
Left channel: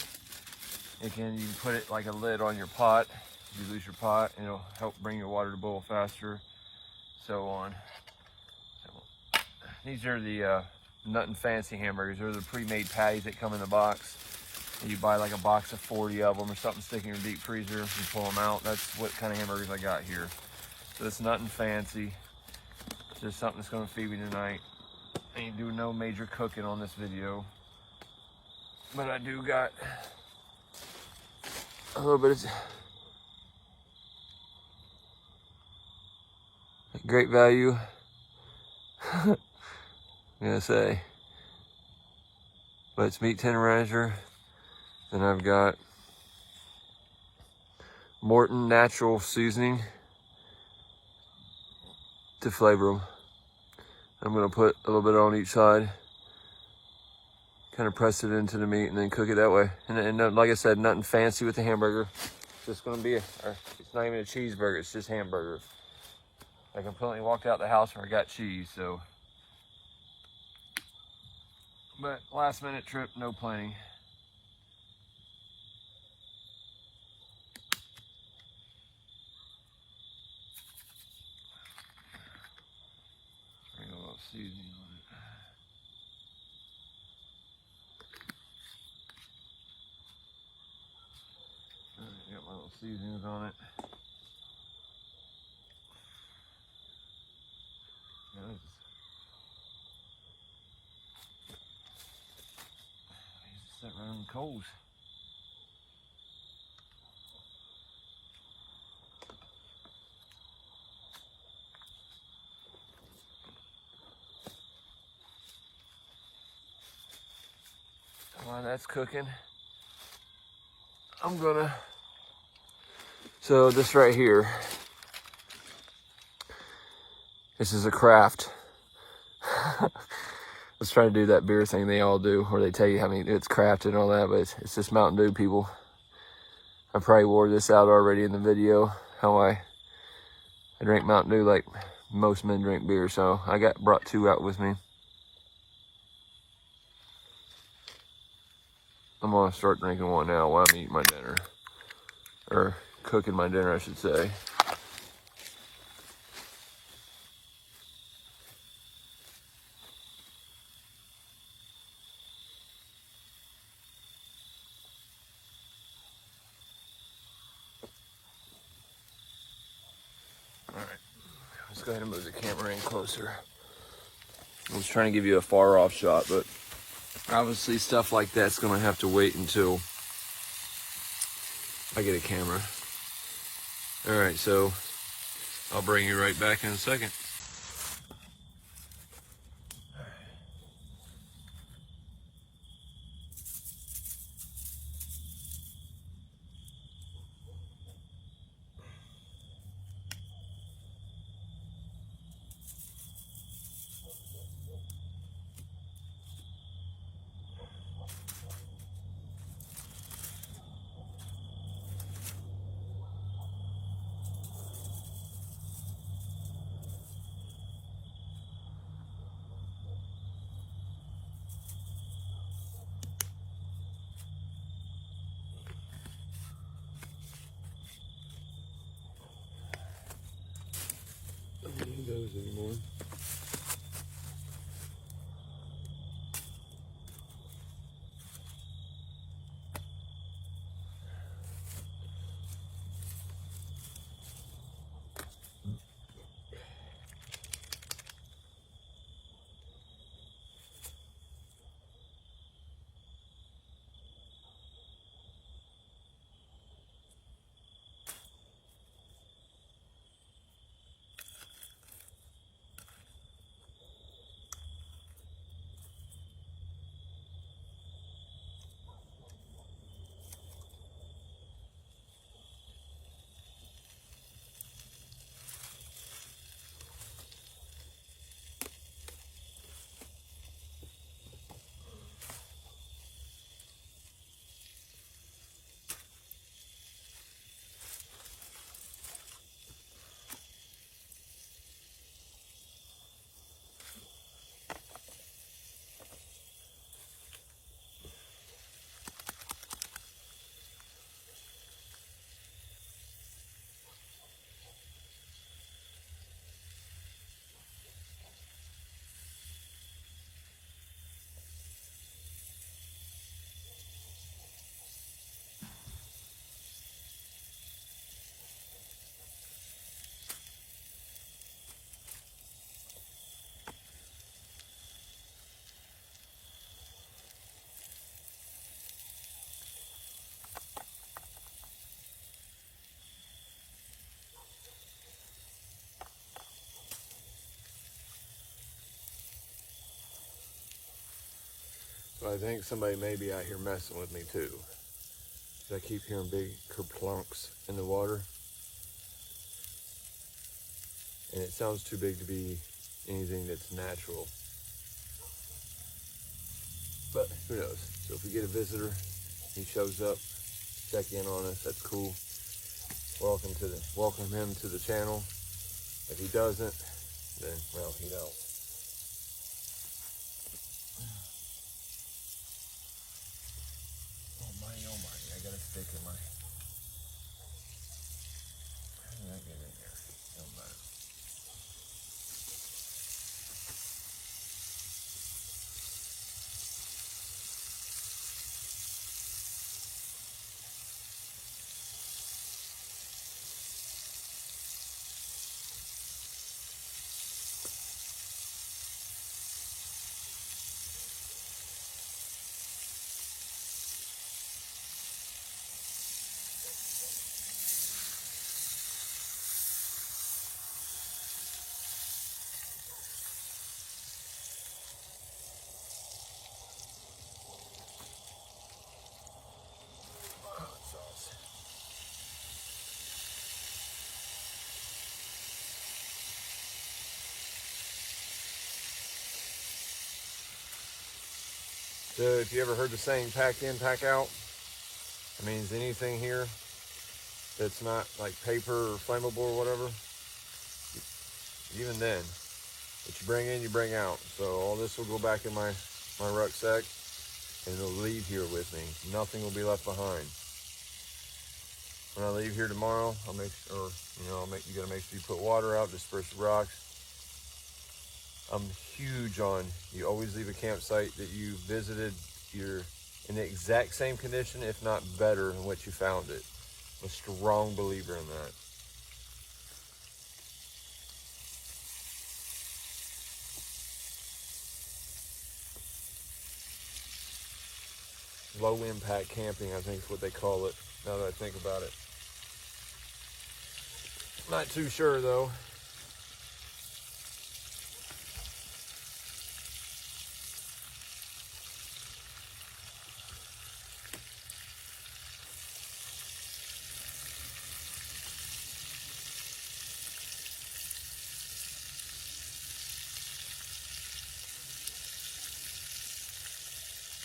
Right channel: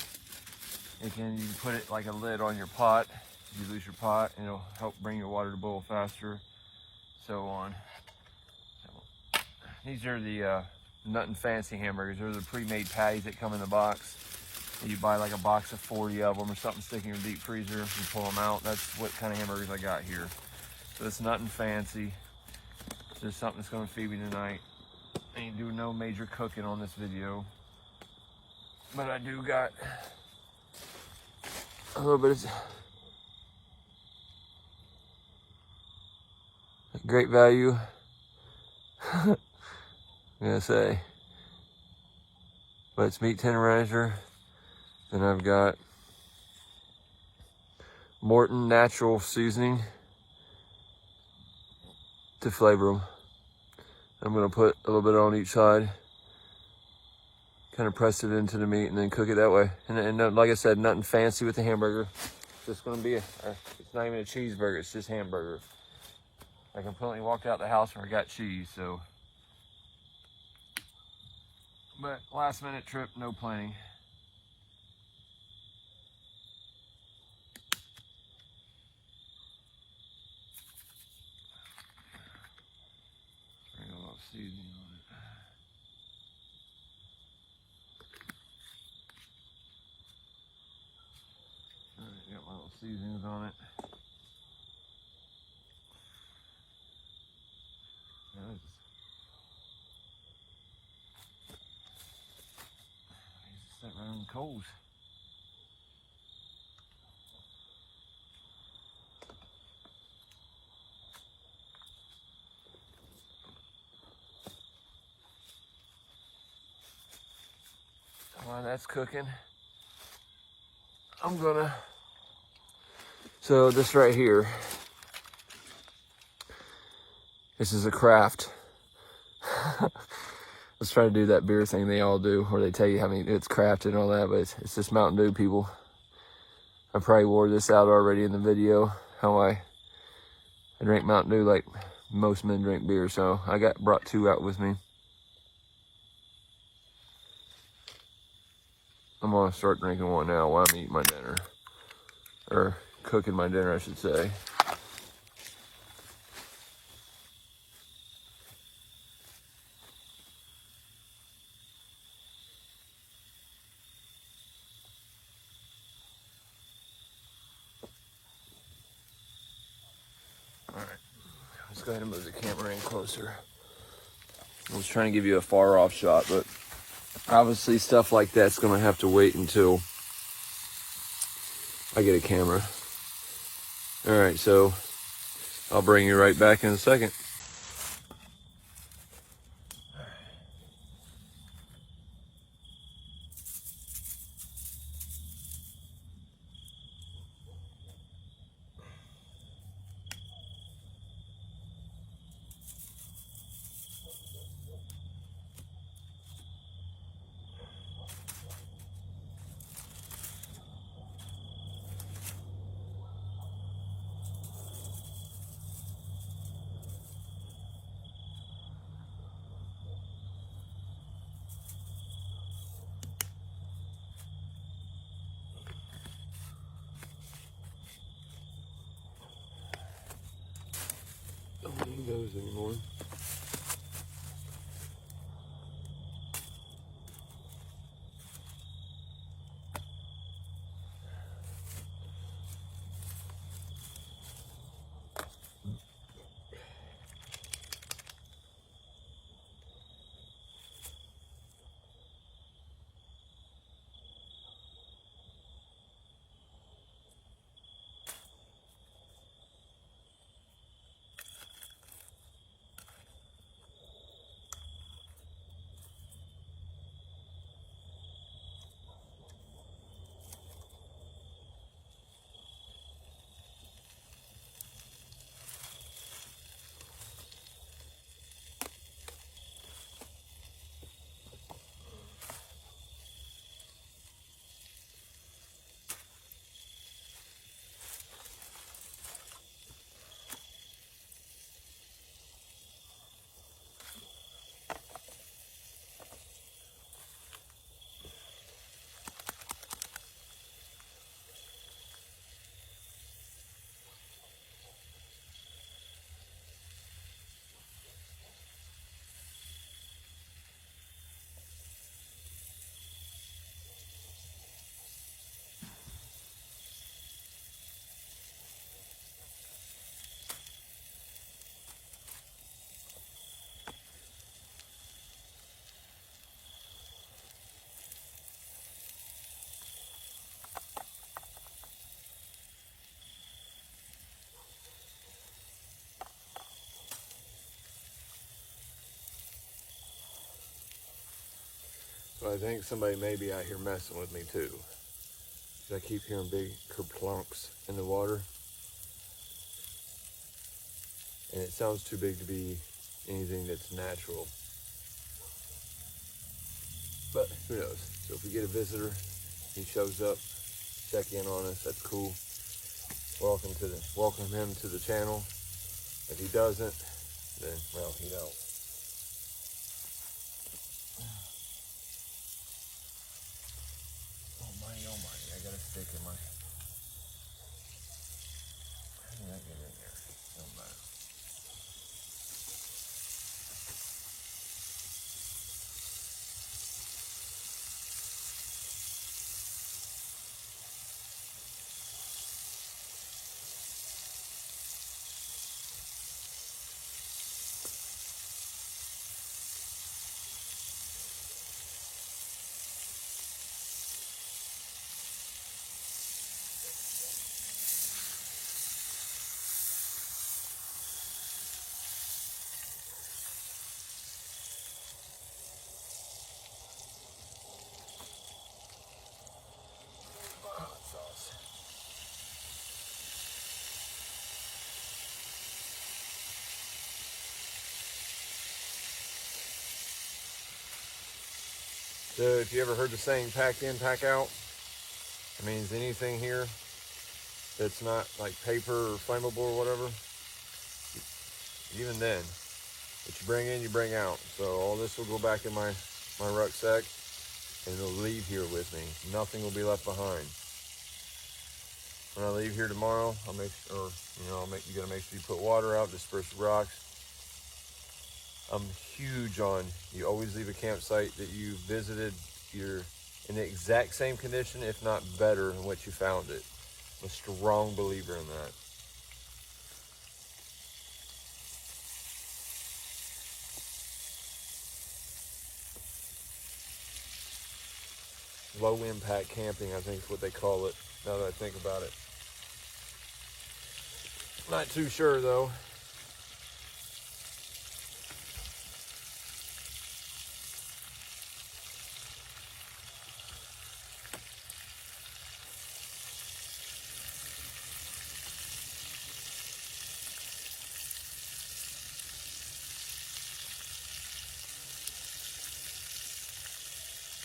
You can put it like a lid on your pot. If you lose your pot, it'll help bring your water to boil faster, so on. So, these are the Nothing Fancy hamburgers. They're the pre-made patties that come in the box. You buy like a box of 40 of them or something, stick in your deep freezer and pull them out. That's what kind of hamburgers I got here. So it's nothing fancy. Just something that's going to feed me tonight. I ain't doing no major cooking on this video, but I do got a little bit of great value. I'm gonna say, but it's meat tenderizer. Then I've got Morton natural seasoning to flavor them. I'm gonna put a little bit on each side, kind of press it into the meat and then cook it that way. And like I said, nothing fancy with the hamburger. It's just gonna be it's not even a cheeseburger, it's just hamburger. I completely walked out the house where I got cheese, so. But last minute trip, no planning. Bring a little seasoning on it. Alright, got my little seasonings on it. Set right on the coals. While that's cooking, I'm gonna, so this right here, this is a craft. Let's try to do that beer thing they all do, where they tell you how many it's crafted and all that, but it's just Mountain Dew, people. I probably wore this out already in the video, how I drink Mountain Dew like most men drink beer, so I brought 2 out with me. I'm gonna start drinking one now while I'm eating my dinner, or cooking my dinner, I should say. Alright, let's go ahead and move the camera in closer. I was trying to give you a far off shot, but obviously stuff like that's gonna have to wait until I get a camera. Alright, so I'll bring you right back in a second. Those anymore. So I think somebody may be out here messing with me too. I keep hearing big kerplunks in the water. And it sounds too big to be anything that's natural. But who knows? So if we get a visitor, he shows up, check in on us, that's cool. Welcome him to the channel. If he doesn't, then well, he don't. Oh my, I got a stick in my. How did that get in there? Don't matter. Hot sauce. So if you ever heard the saying pack in, pack out, it means anything here that's not like paper or flammable or whatever, even then, what you bring in, you bring out. So all this will go back in my rucksack and it'll leave here with me. Nothing will be left behind. When I leave here tomorrow, I'll make sure, you gotta make sure you put water out, disperse the rocks. I'm huge on, you always leave a campsite that you visited, you're in the exact same condition, if not better than what you found it. I'm a strong believer in that. Low impact camping, I think is what they call it, now that I think about it. Not too sure though.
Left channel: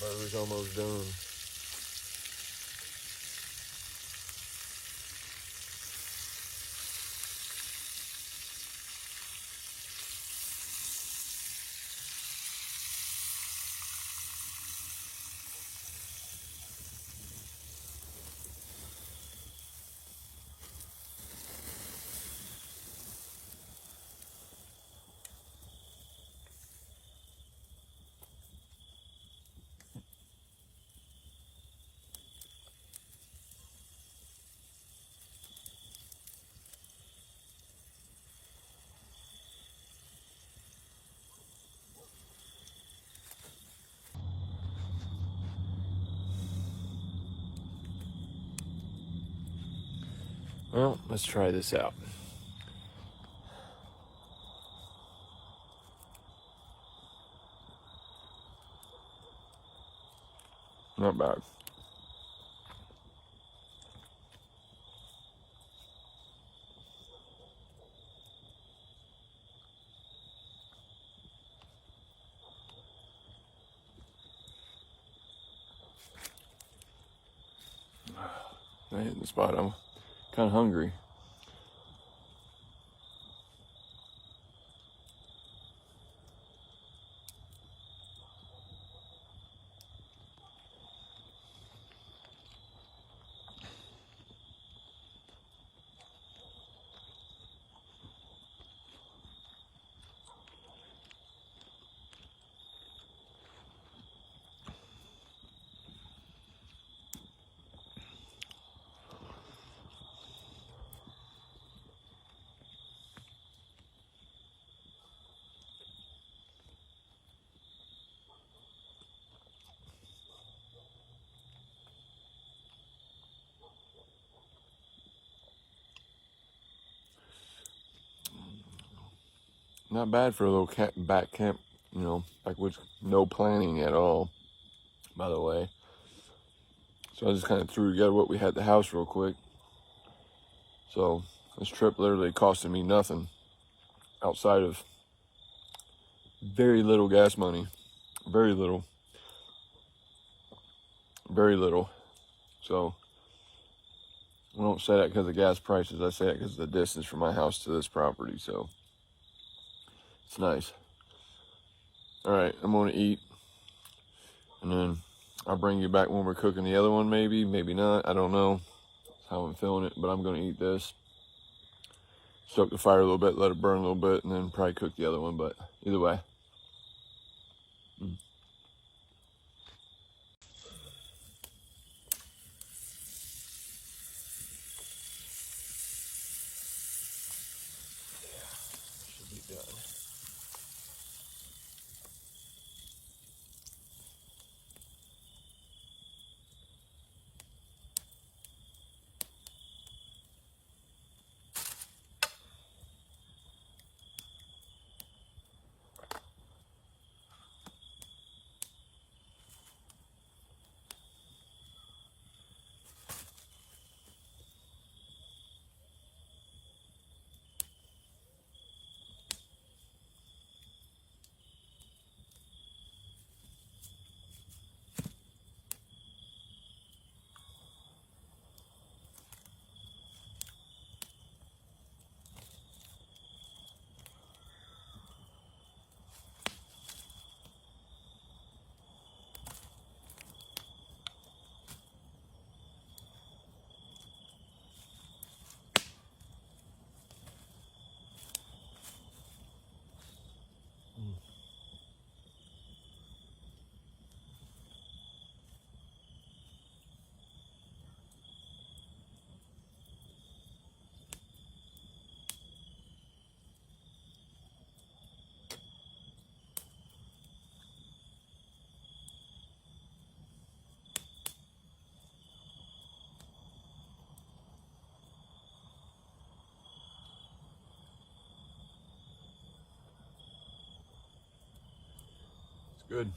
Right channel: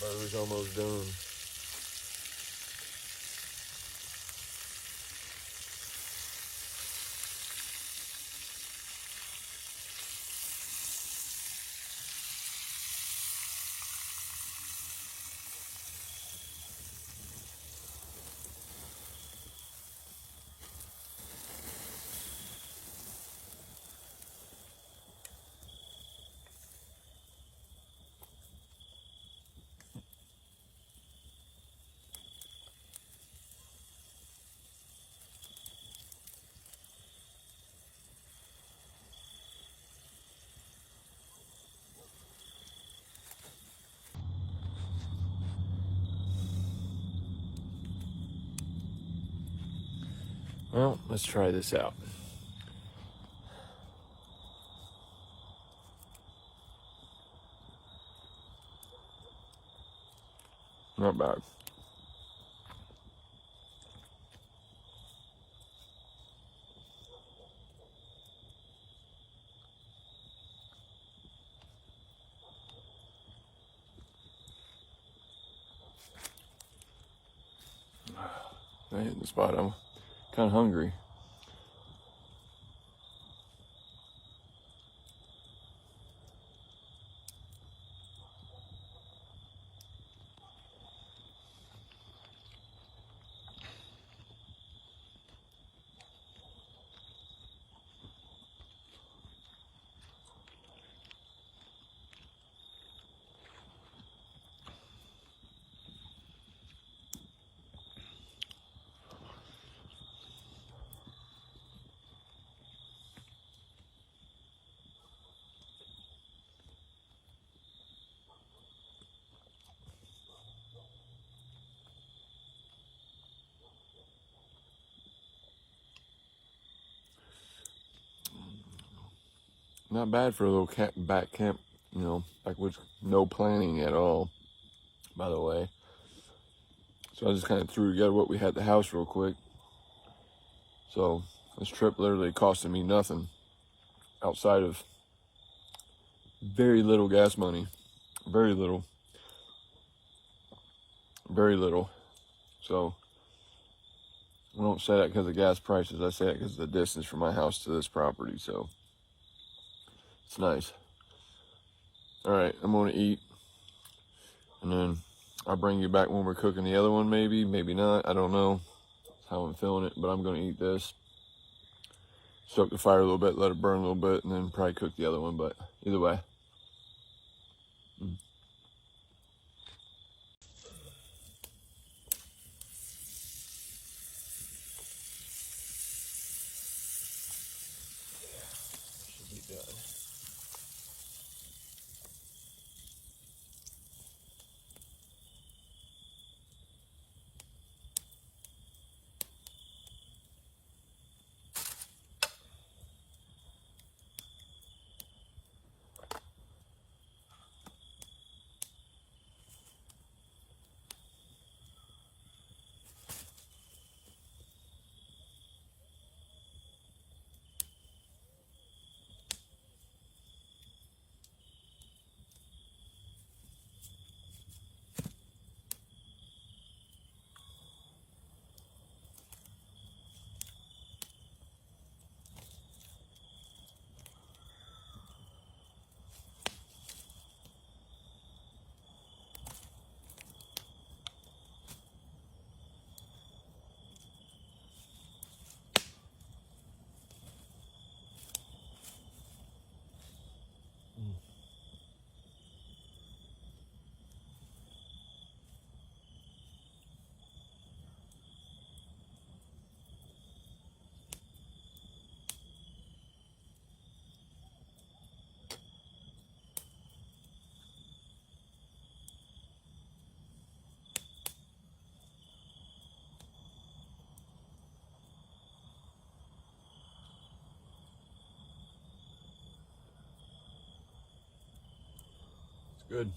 Butter's almost done. Well, let's try this out. Not bad. I hit the spot. I'm kind of hungry. Not bad for a little back camp, like with no planning at all. by the way. So I just kind of threw together what we had at the house real quick. So this trip literally costed me nothing outside of very little gas money. Very little. Very little. So I don't say that because of gas prices. I say that because of the distance from my house to this property. So it's nice. All right, I'm going to eat. And then I'll bring you back when we're cooking the other one, maybe. Maybe not. I don't know. That's how I'm feeling it. But I'm going to eat this. Soak the fire a little bit, let it burn a little bit, and then probably cook the other one. But either way. Should be done. It's good.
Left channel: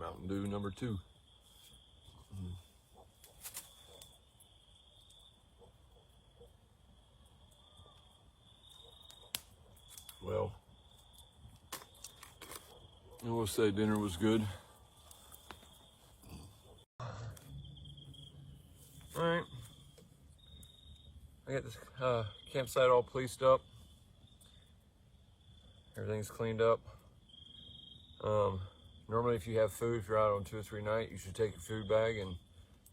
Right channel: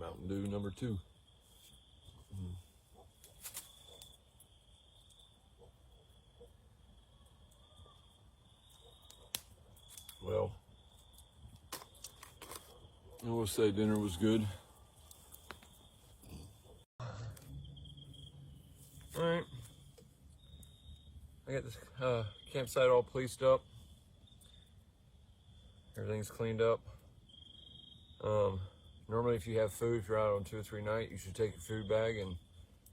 Mountain Dew number 2. Well, I will say dinner was good. I got this campsite all policed up. Everything's cleaned up. Normally if you have food, if you're out on 2 or 3 nights, you should take your food bag and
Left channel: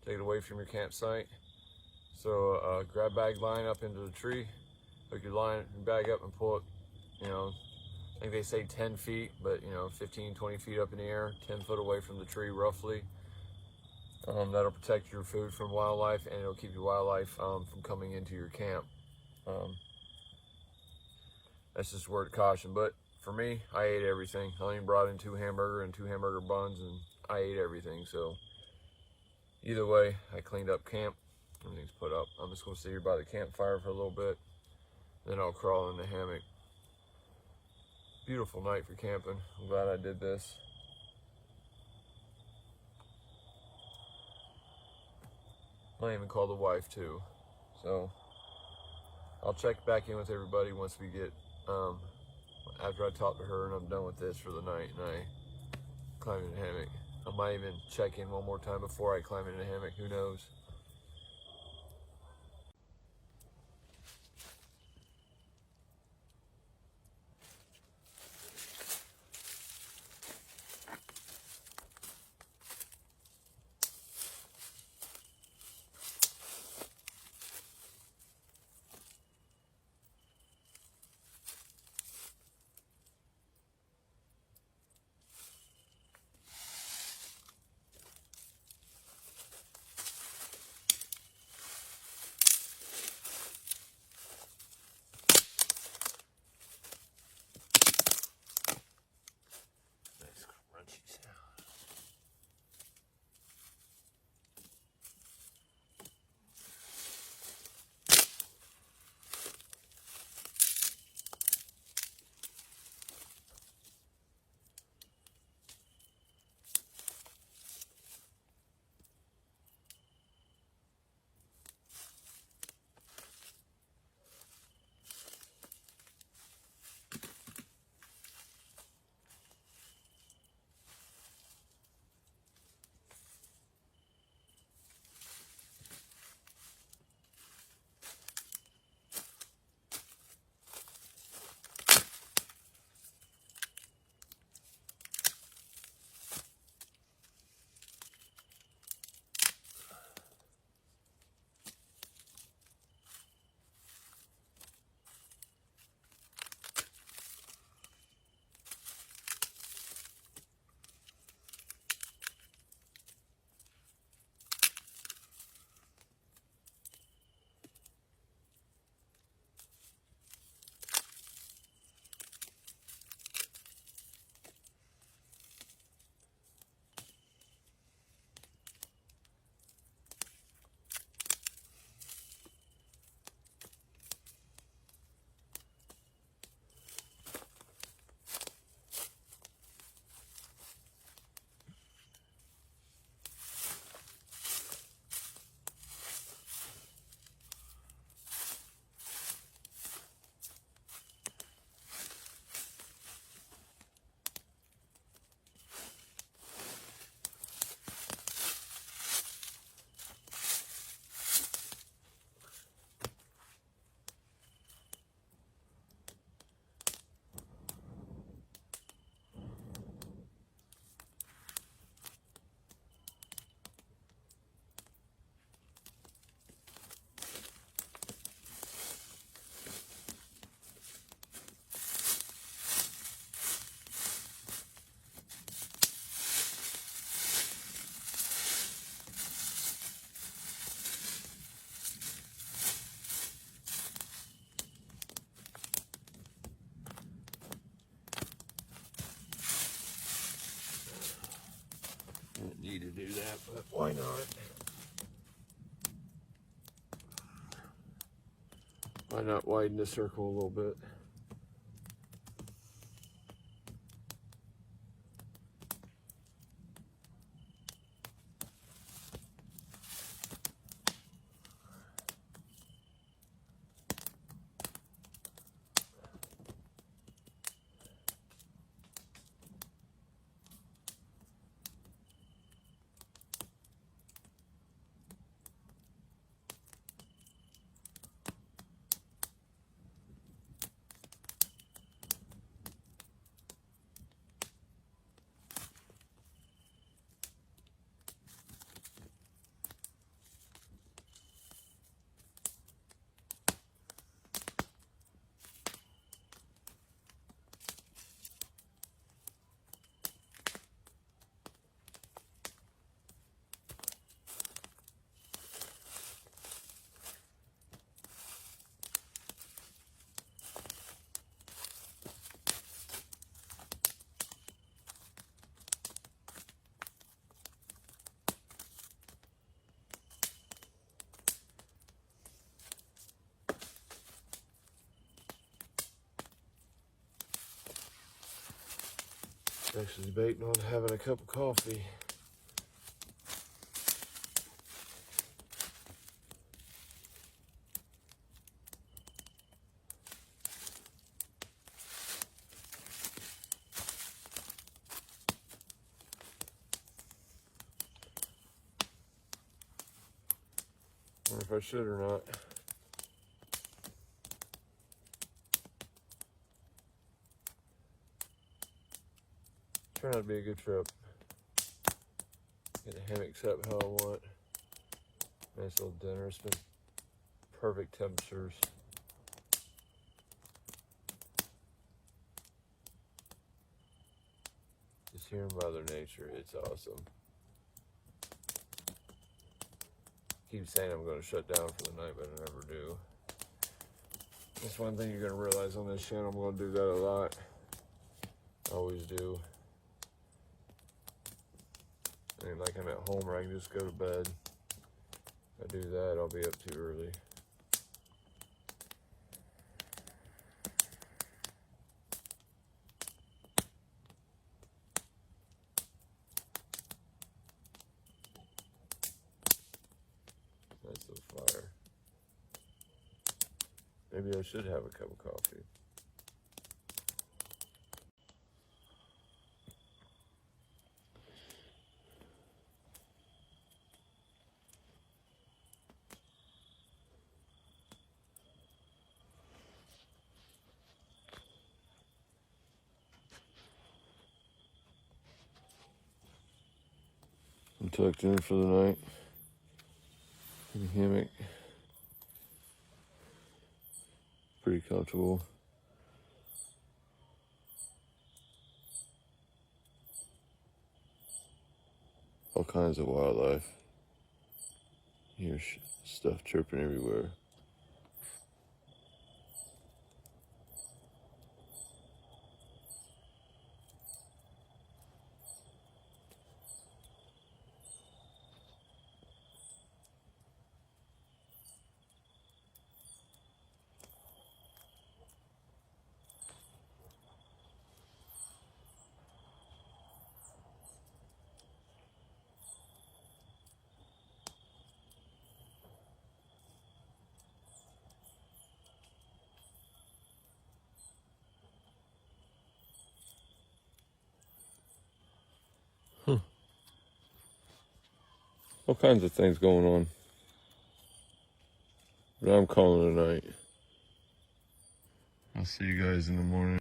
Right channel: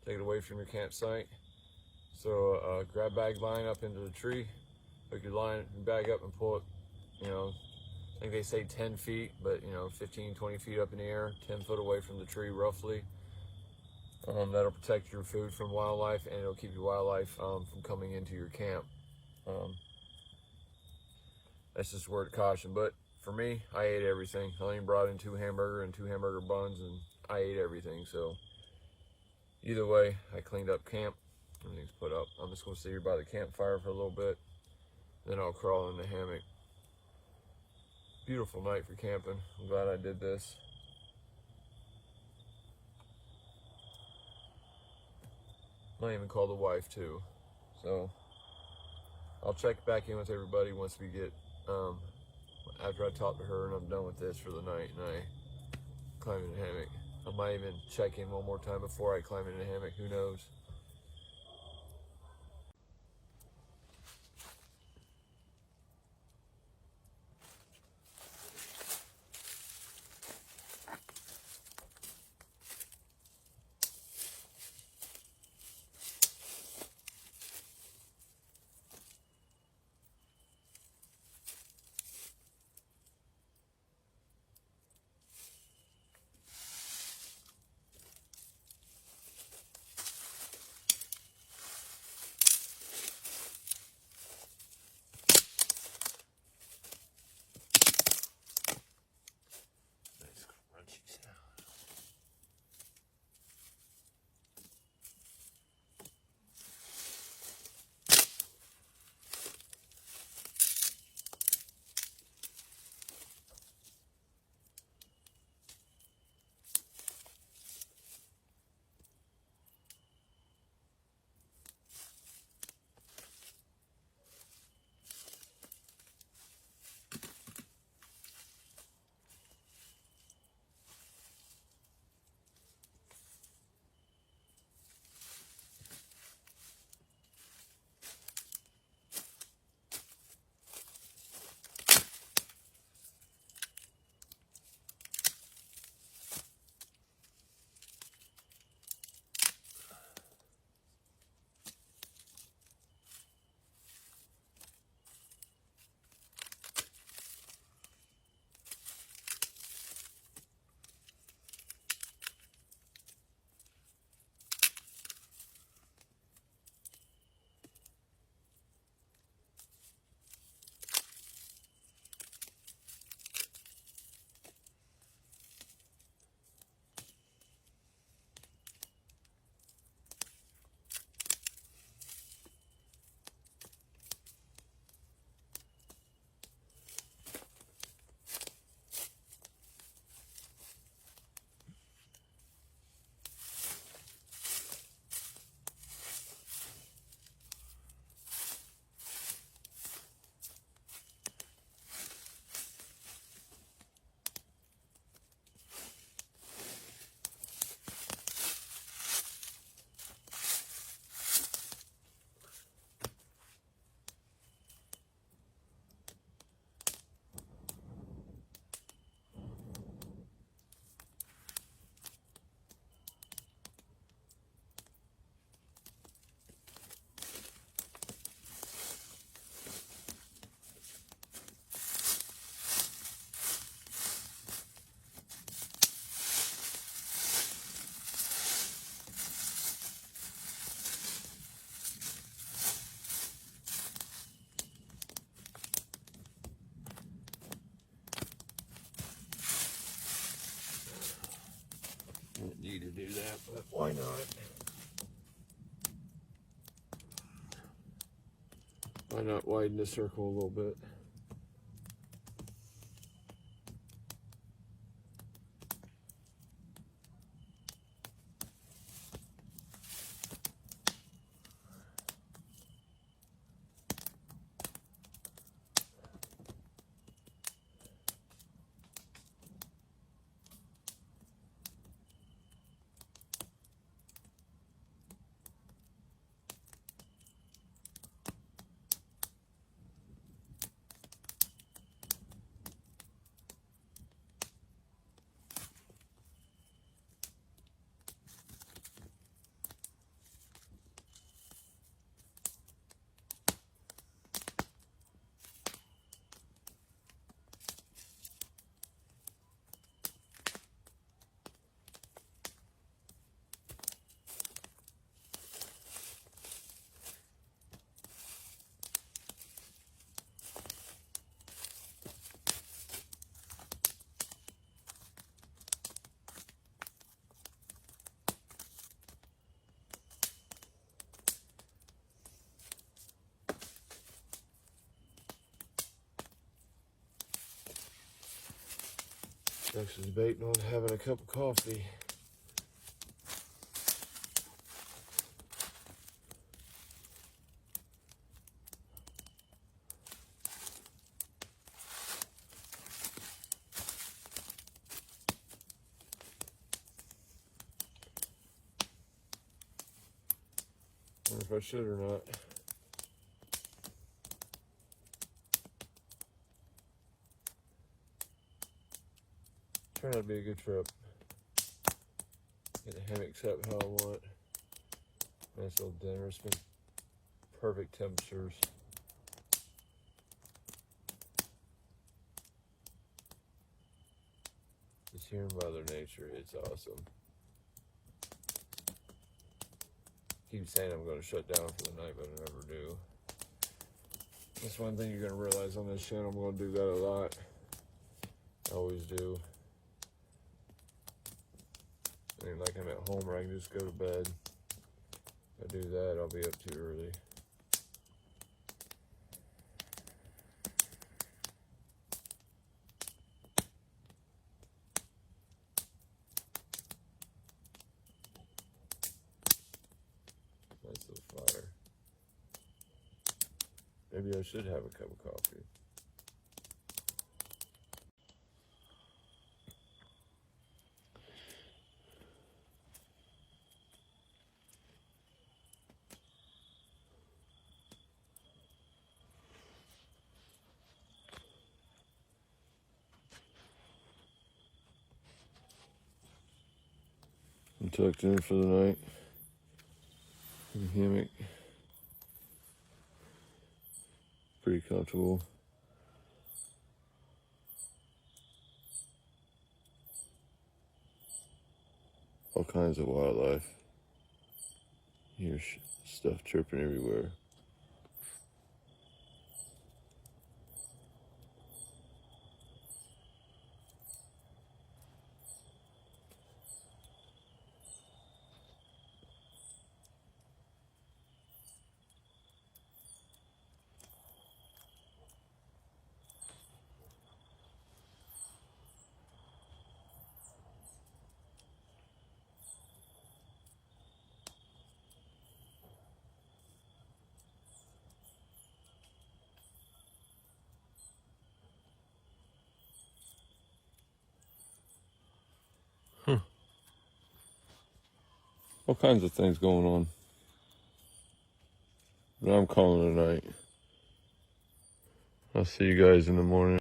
take it away from your campsite. So grab bag line up into the tree, hook your bag up and pull it, you know, I think they say 10 feet, but you know, 15, 20 feet up in the air, 10 foot away from the tree roughly. That'll protect your food from wildlife, and it'll keep your wildlife from coming into your camp. That's just a word of caution. But for me, I ate everything. I only brought in 2 hamburger and 2 hamburger buns, and I ate everything. So either way, I cleaned up camp. Everything's put up. I'm just gonna sit here by the campfire for a little bit, then I'll crawl in the hammock. Beautiful night for camping. I'm glad I did this. Might even call the wife too. So I'll check back in with everybody once we get, after I talk to her and I'm done with this for the night and I climb in the hammock. I might even check in one more time before I climb in the hammock, who knows. Didn't need to do that, but why not? Why not widen the circle a little bit? Actually debating on having a cup of coffee. I wonder if I should or not. Turned out to be a good trip. Get a hammock set how I want. Nice little dinner. It's been perfect temperatures. Just hearing Mother Nature, it's awesome. Keep saying I'm going to shut down for the night, but I never do. That's one thing you're going to realize on this channel. I'm going to do that a lot. I always do. And like I'm at home where I can just go to bed. If I do that, I'll be up too early. Nice little fire. Maybe I should have a cup of coffee. I'm tucked in for the night. In a hammock. Pretty comfortable. All kinds of wildlife. You hear stuff chirping everywhere. All kinds of things going on. But I'm calling it a night. I'll see you guys in the morning.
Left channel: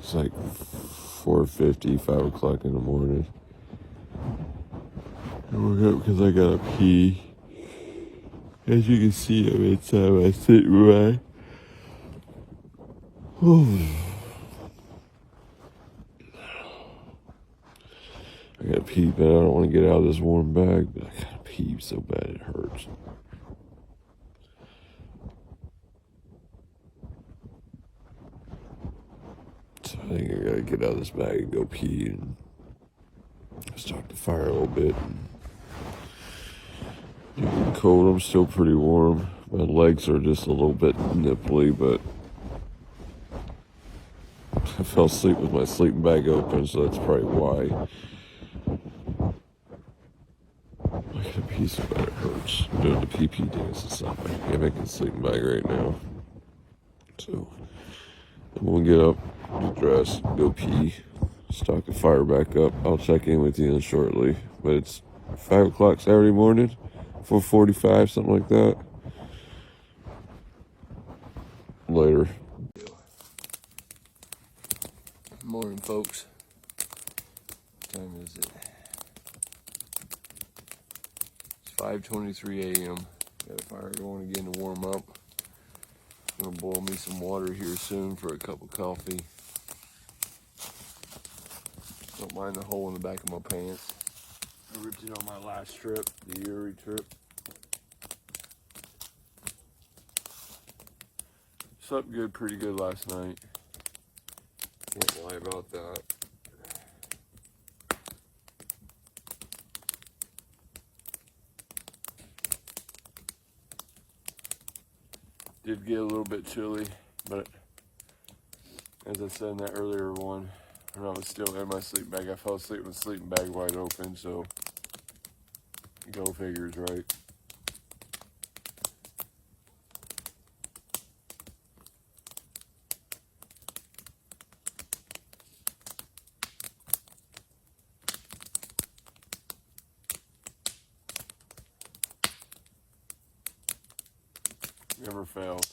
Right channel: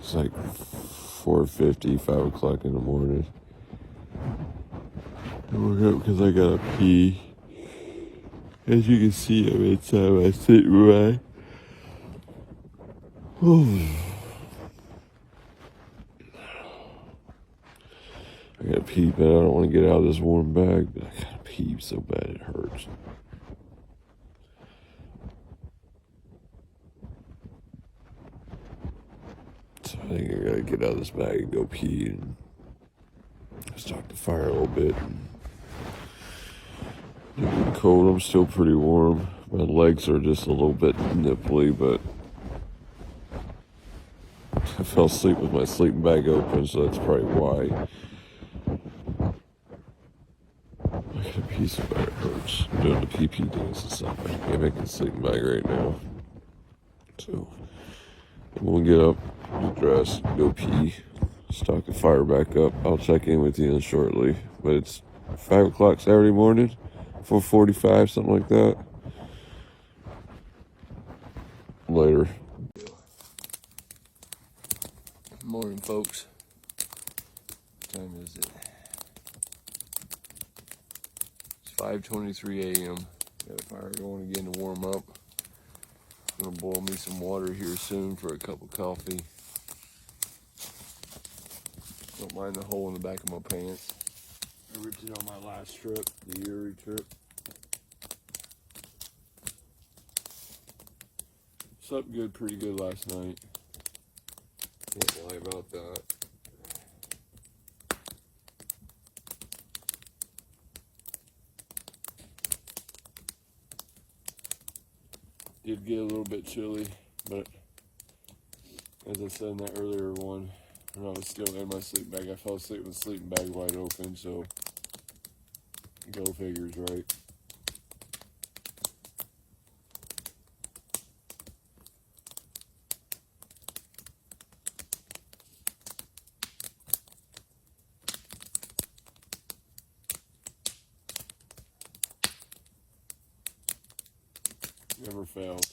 It's like 4:50, 5 o'clock in the morning. I woke up because I gotta pee. As you can see, I'm inside my sitting room. I gotta pee, but I don't want to get out of this warm bag, but I gotta pee so bad it hurts. So I think I gotta get out of this bag and go pee and start the fire a little bit. It's cold, I'm still pretty warm. My legs are just a little bit nipply, but I fell asleep with my sleeping bag open, so that's probably why. I gotta pee so bad it hurts. I'm doing the pee dance and stuff. I can't make a sleeping bag right now. So I'm gonna get up, get dressed, go pee, start the fire back up. I'll check in with you shortly. But it's 5 o'clock Saturday morning, 4:45, something like that. Later. Morning, folks. What time is it? It's 5:23 a.m. Got a fire going again to warm up. I'm gonna boil me some water here soon for a cup of coffee. Don't mind the hole in the back of my pants. I ripped it on my last trip, the Uri trip. Slept good, pretty good last night. Can't lie about that. Did get a little bit chilly, but as I said in that earlier one, when I was still in my sleeping bag, I fell asleep with the sleeping bag wide open, so go figures, right? Never fails.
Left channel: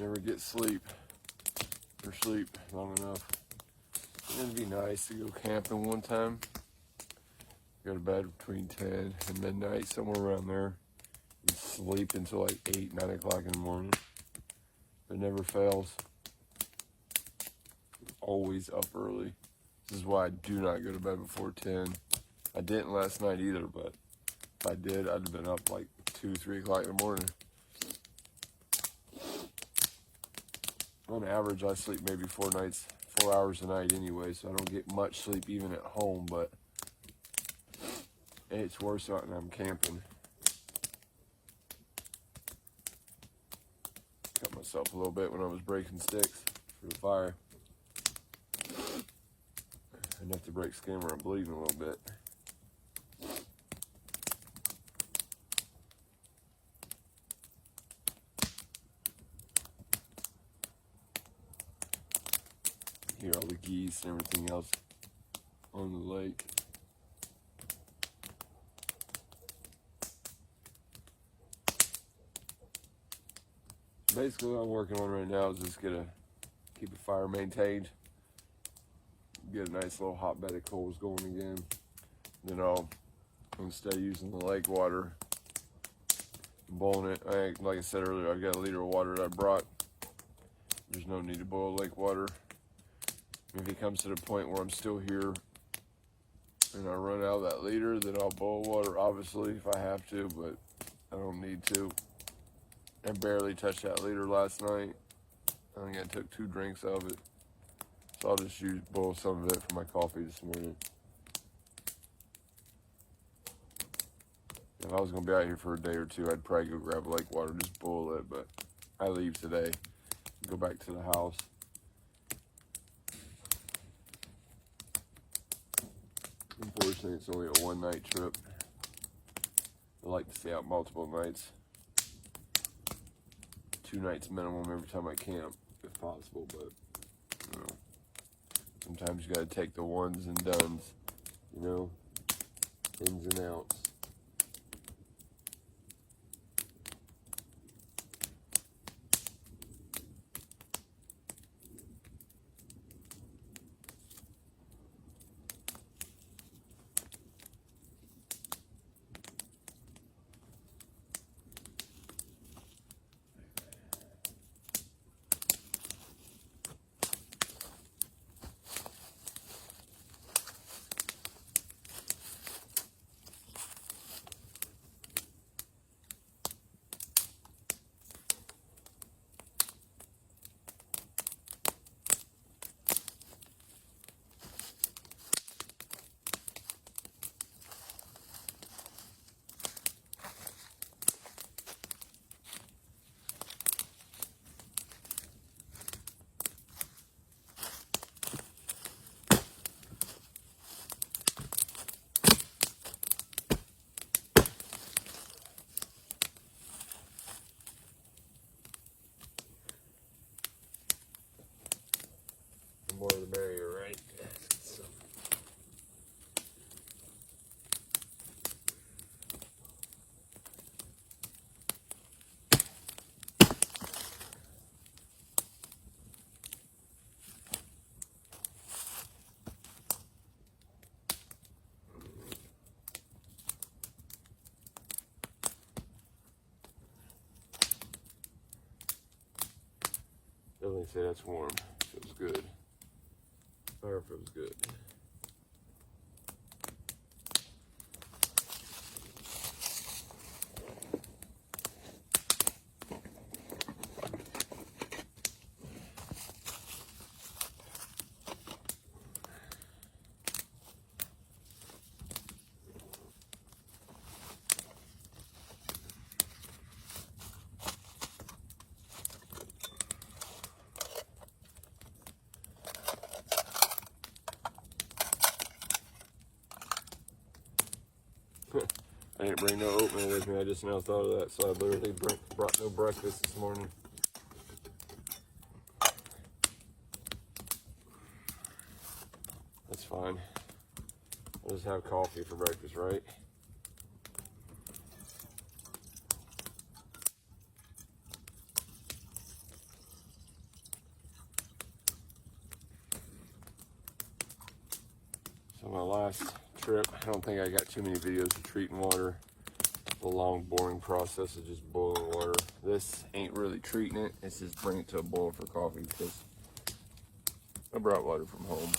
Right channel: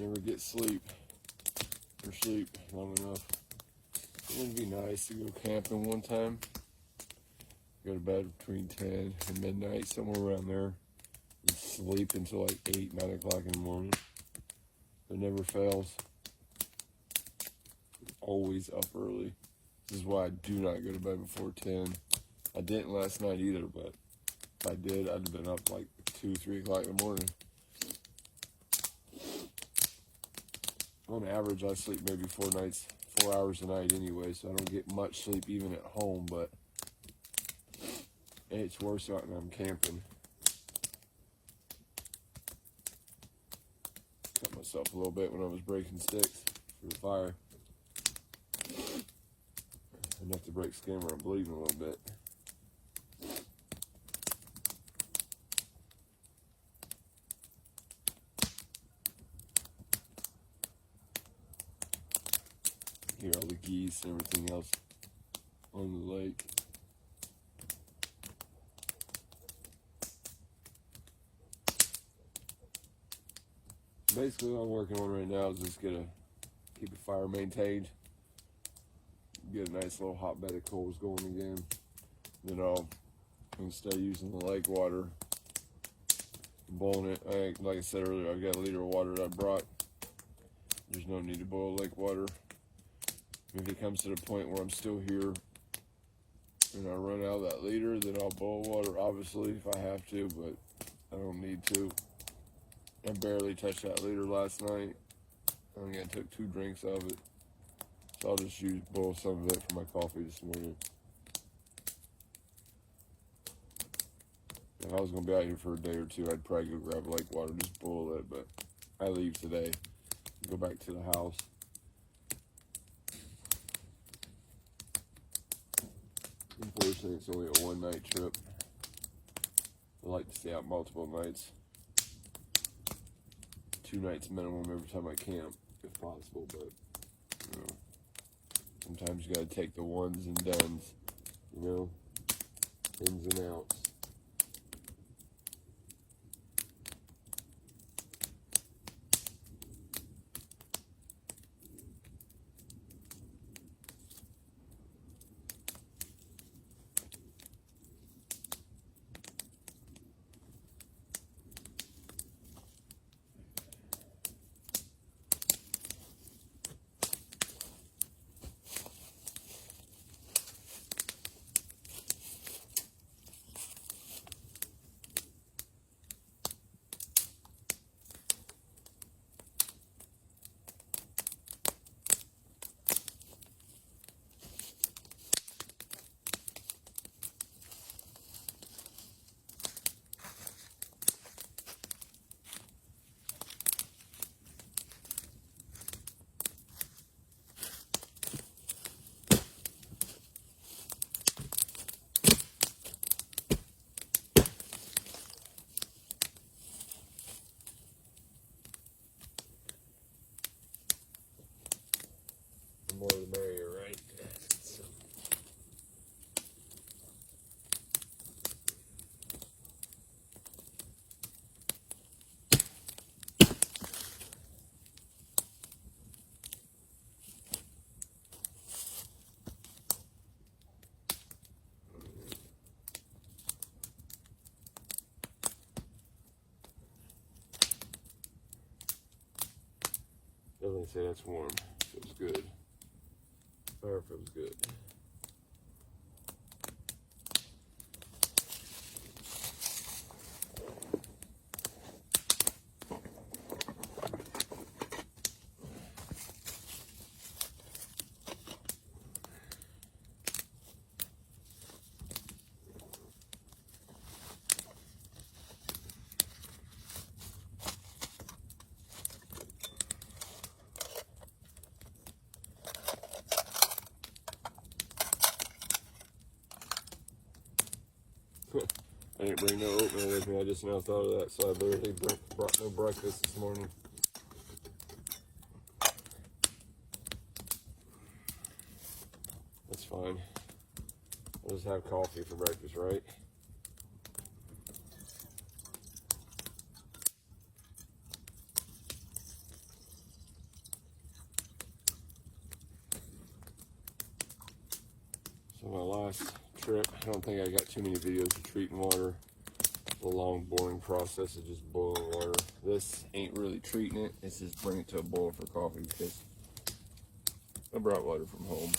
Never get sleep or sleep long enough. It'd be nice to go camping one time. Go to bed between 10 and midnight, somewhere around there. And sleep until like 8, 9 o'clock in the morning. It never fails. Always up early. This is why I do not go to bed before 10. I didn't last night either, but if I did, I'd have been up like 2, 3 o'clock in the morning. On average, I sleep maybe 4 hours a night anyway, so I don't get much sleep even at home, but it's worse out when I'm camping. Cut myself a little bit when I was breaking sticks for the fire. Enough to break skin where I'm bleeding a little bit. Hear all the geese and everything else on the lake. Basically what I'm working on right now is just gonna keep the fire maintained. Get a nice little hot bed of coals going again. Then I'm gonna stay using the lake water, boiling it. Like I said earlier, I've got a liter of water that I brought. There's no need to boil lake water. If it comes to the point where I'm still here and I run out of that liter, then I'll boil water, obviously, if I have to, but I don't need to. I barely touched that liter last night. I think I took 2 drinks of it. So I'll just boil some of it for my coffee this morning. If I was going to be out here for a day or two, I'd probably go grab lake water, just boil it, but I leave today, go back to the house. Unfortunately, it's only a 1-night trip. I like to stay out multiple nights. 2 nights minimum every time I camp, if possible, but, you know, sometimes you gotta take the ones and dones, you know, ins and outs. The more the merrier, right? So. Definitely say that's warm. Feels good. Fire feels good. I didn't bring no oatmeal with me. I just now thought of that, so I literally brought no breakfast this morning. That's fine. I'll just have coffee for breakfast, right? So my last trip, I don't think I got too many videos of treating water. It's a long, boring process of just boiling water. This ain't really treating it. It's just bringing it to a boil for coffee because I brought water from home.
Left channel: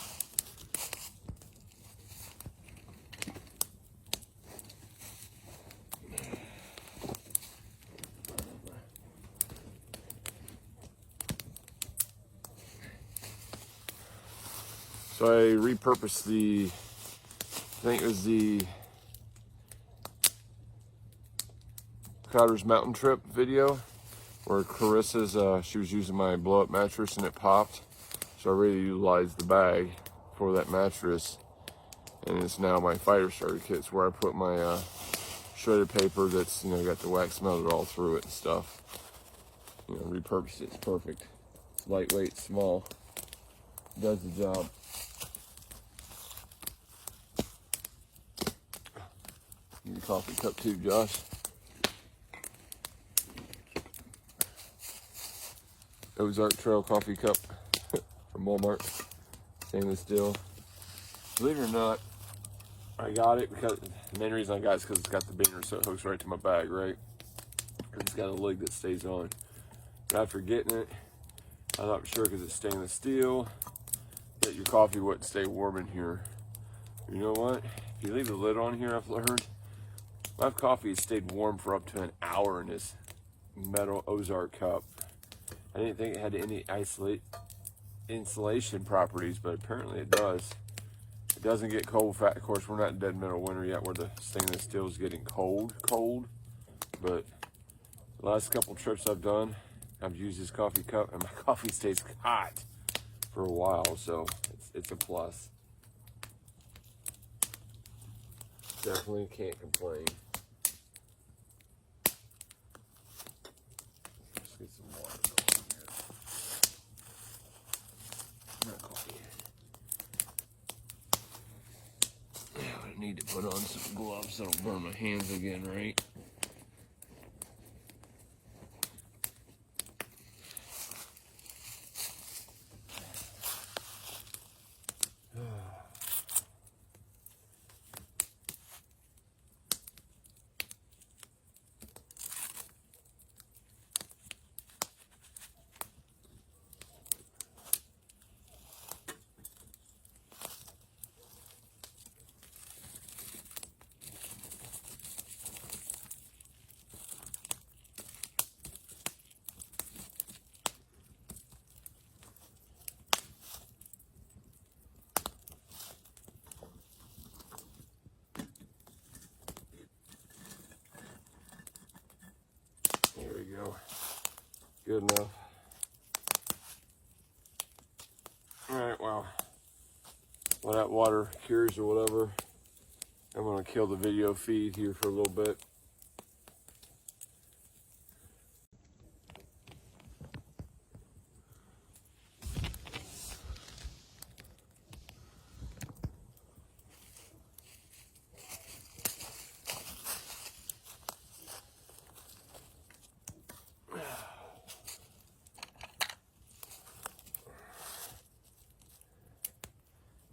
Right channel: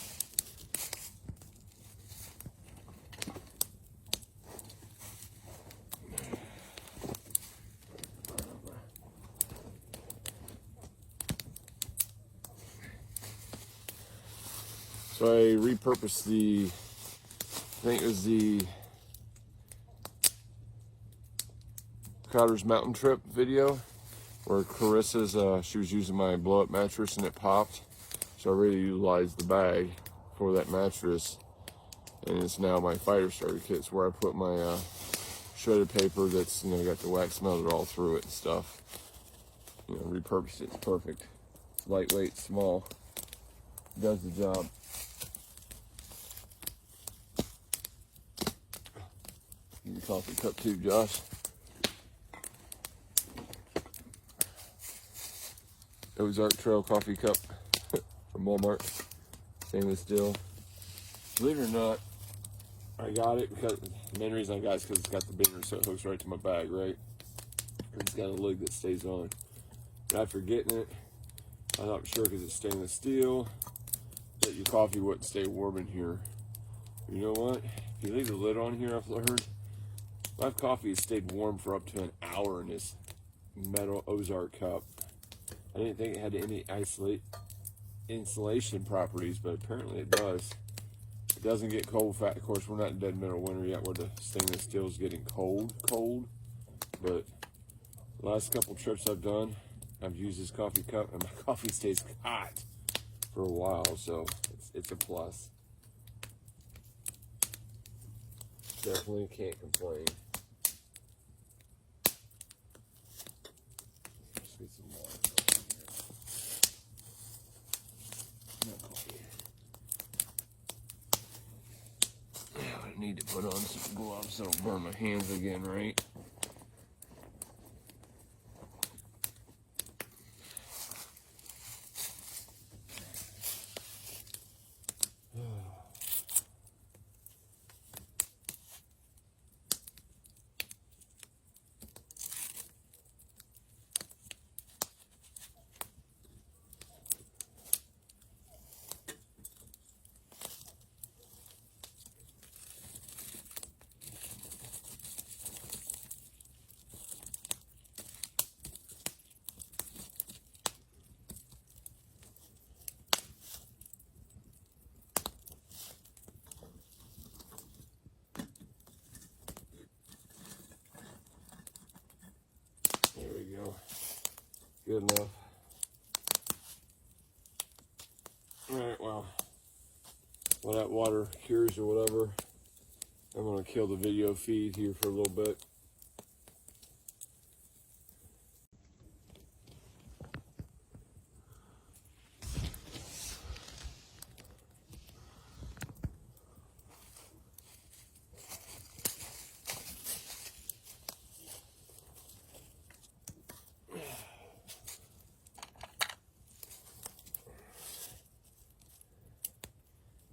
So I repurposed I think it was the Crowder's Mountain Trip video where Carissa's, she was using my blow up mattress and it popped. So I really utilized the bag for that mattress. And it's now my fire starter kit. It's where I put my shredded paper that's, got the wax melted all through it and stuff. Repurposed it. It's perfect. It's lightweight, small. Does the job. Need a coffee cup too, Josh. Ozark Trail coffee cup from Walmart. Stainless steel. Believe it or not, I got it because the main reason I got it is because it's got the binger, so it hooks right to my bag, right? Because it's got a lid that stays on. But after getting it, I thought for sure because it's stainless steel that your coffee wouldn't stay warm in here. You know what? If you leave the lid on here, I've learned my coffee has stayed warm for up to an hour in this metal Ozark cup. I didn't think it had any insulation properties, but apparently it does. It doesn't get cold fat. Of course, we're not in dead middle winter yet where the stainless steel is getting cold. But the last couple trips I've done, I've used this coffee cup and my coffee stays hot for a while, so it's a plus. Definitely can't complain. Let's get some water going here. Not coffee. Yeah, I need to put on some gloves so I don't burn my hands again, right? There we go. Good enough. Alright, well, while that water cures or whatever, I'm going to kill the video feed here for a little bit.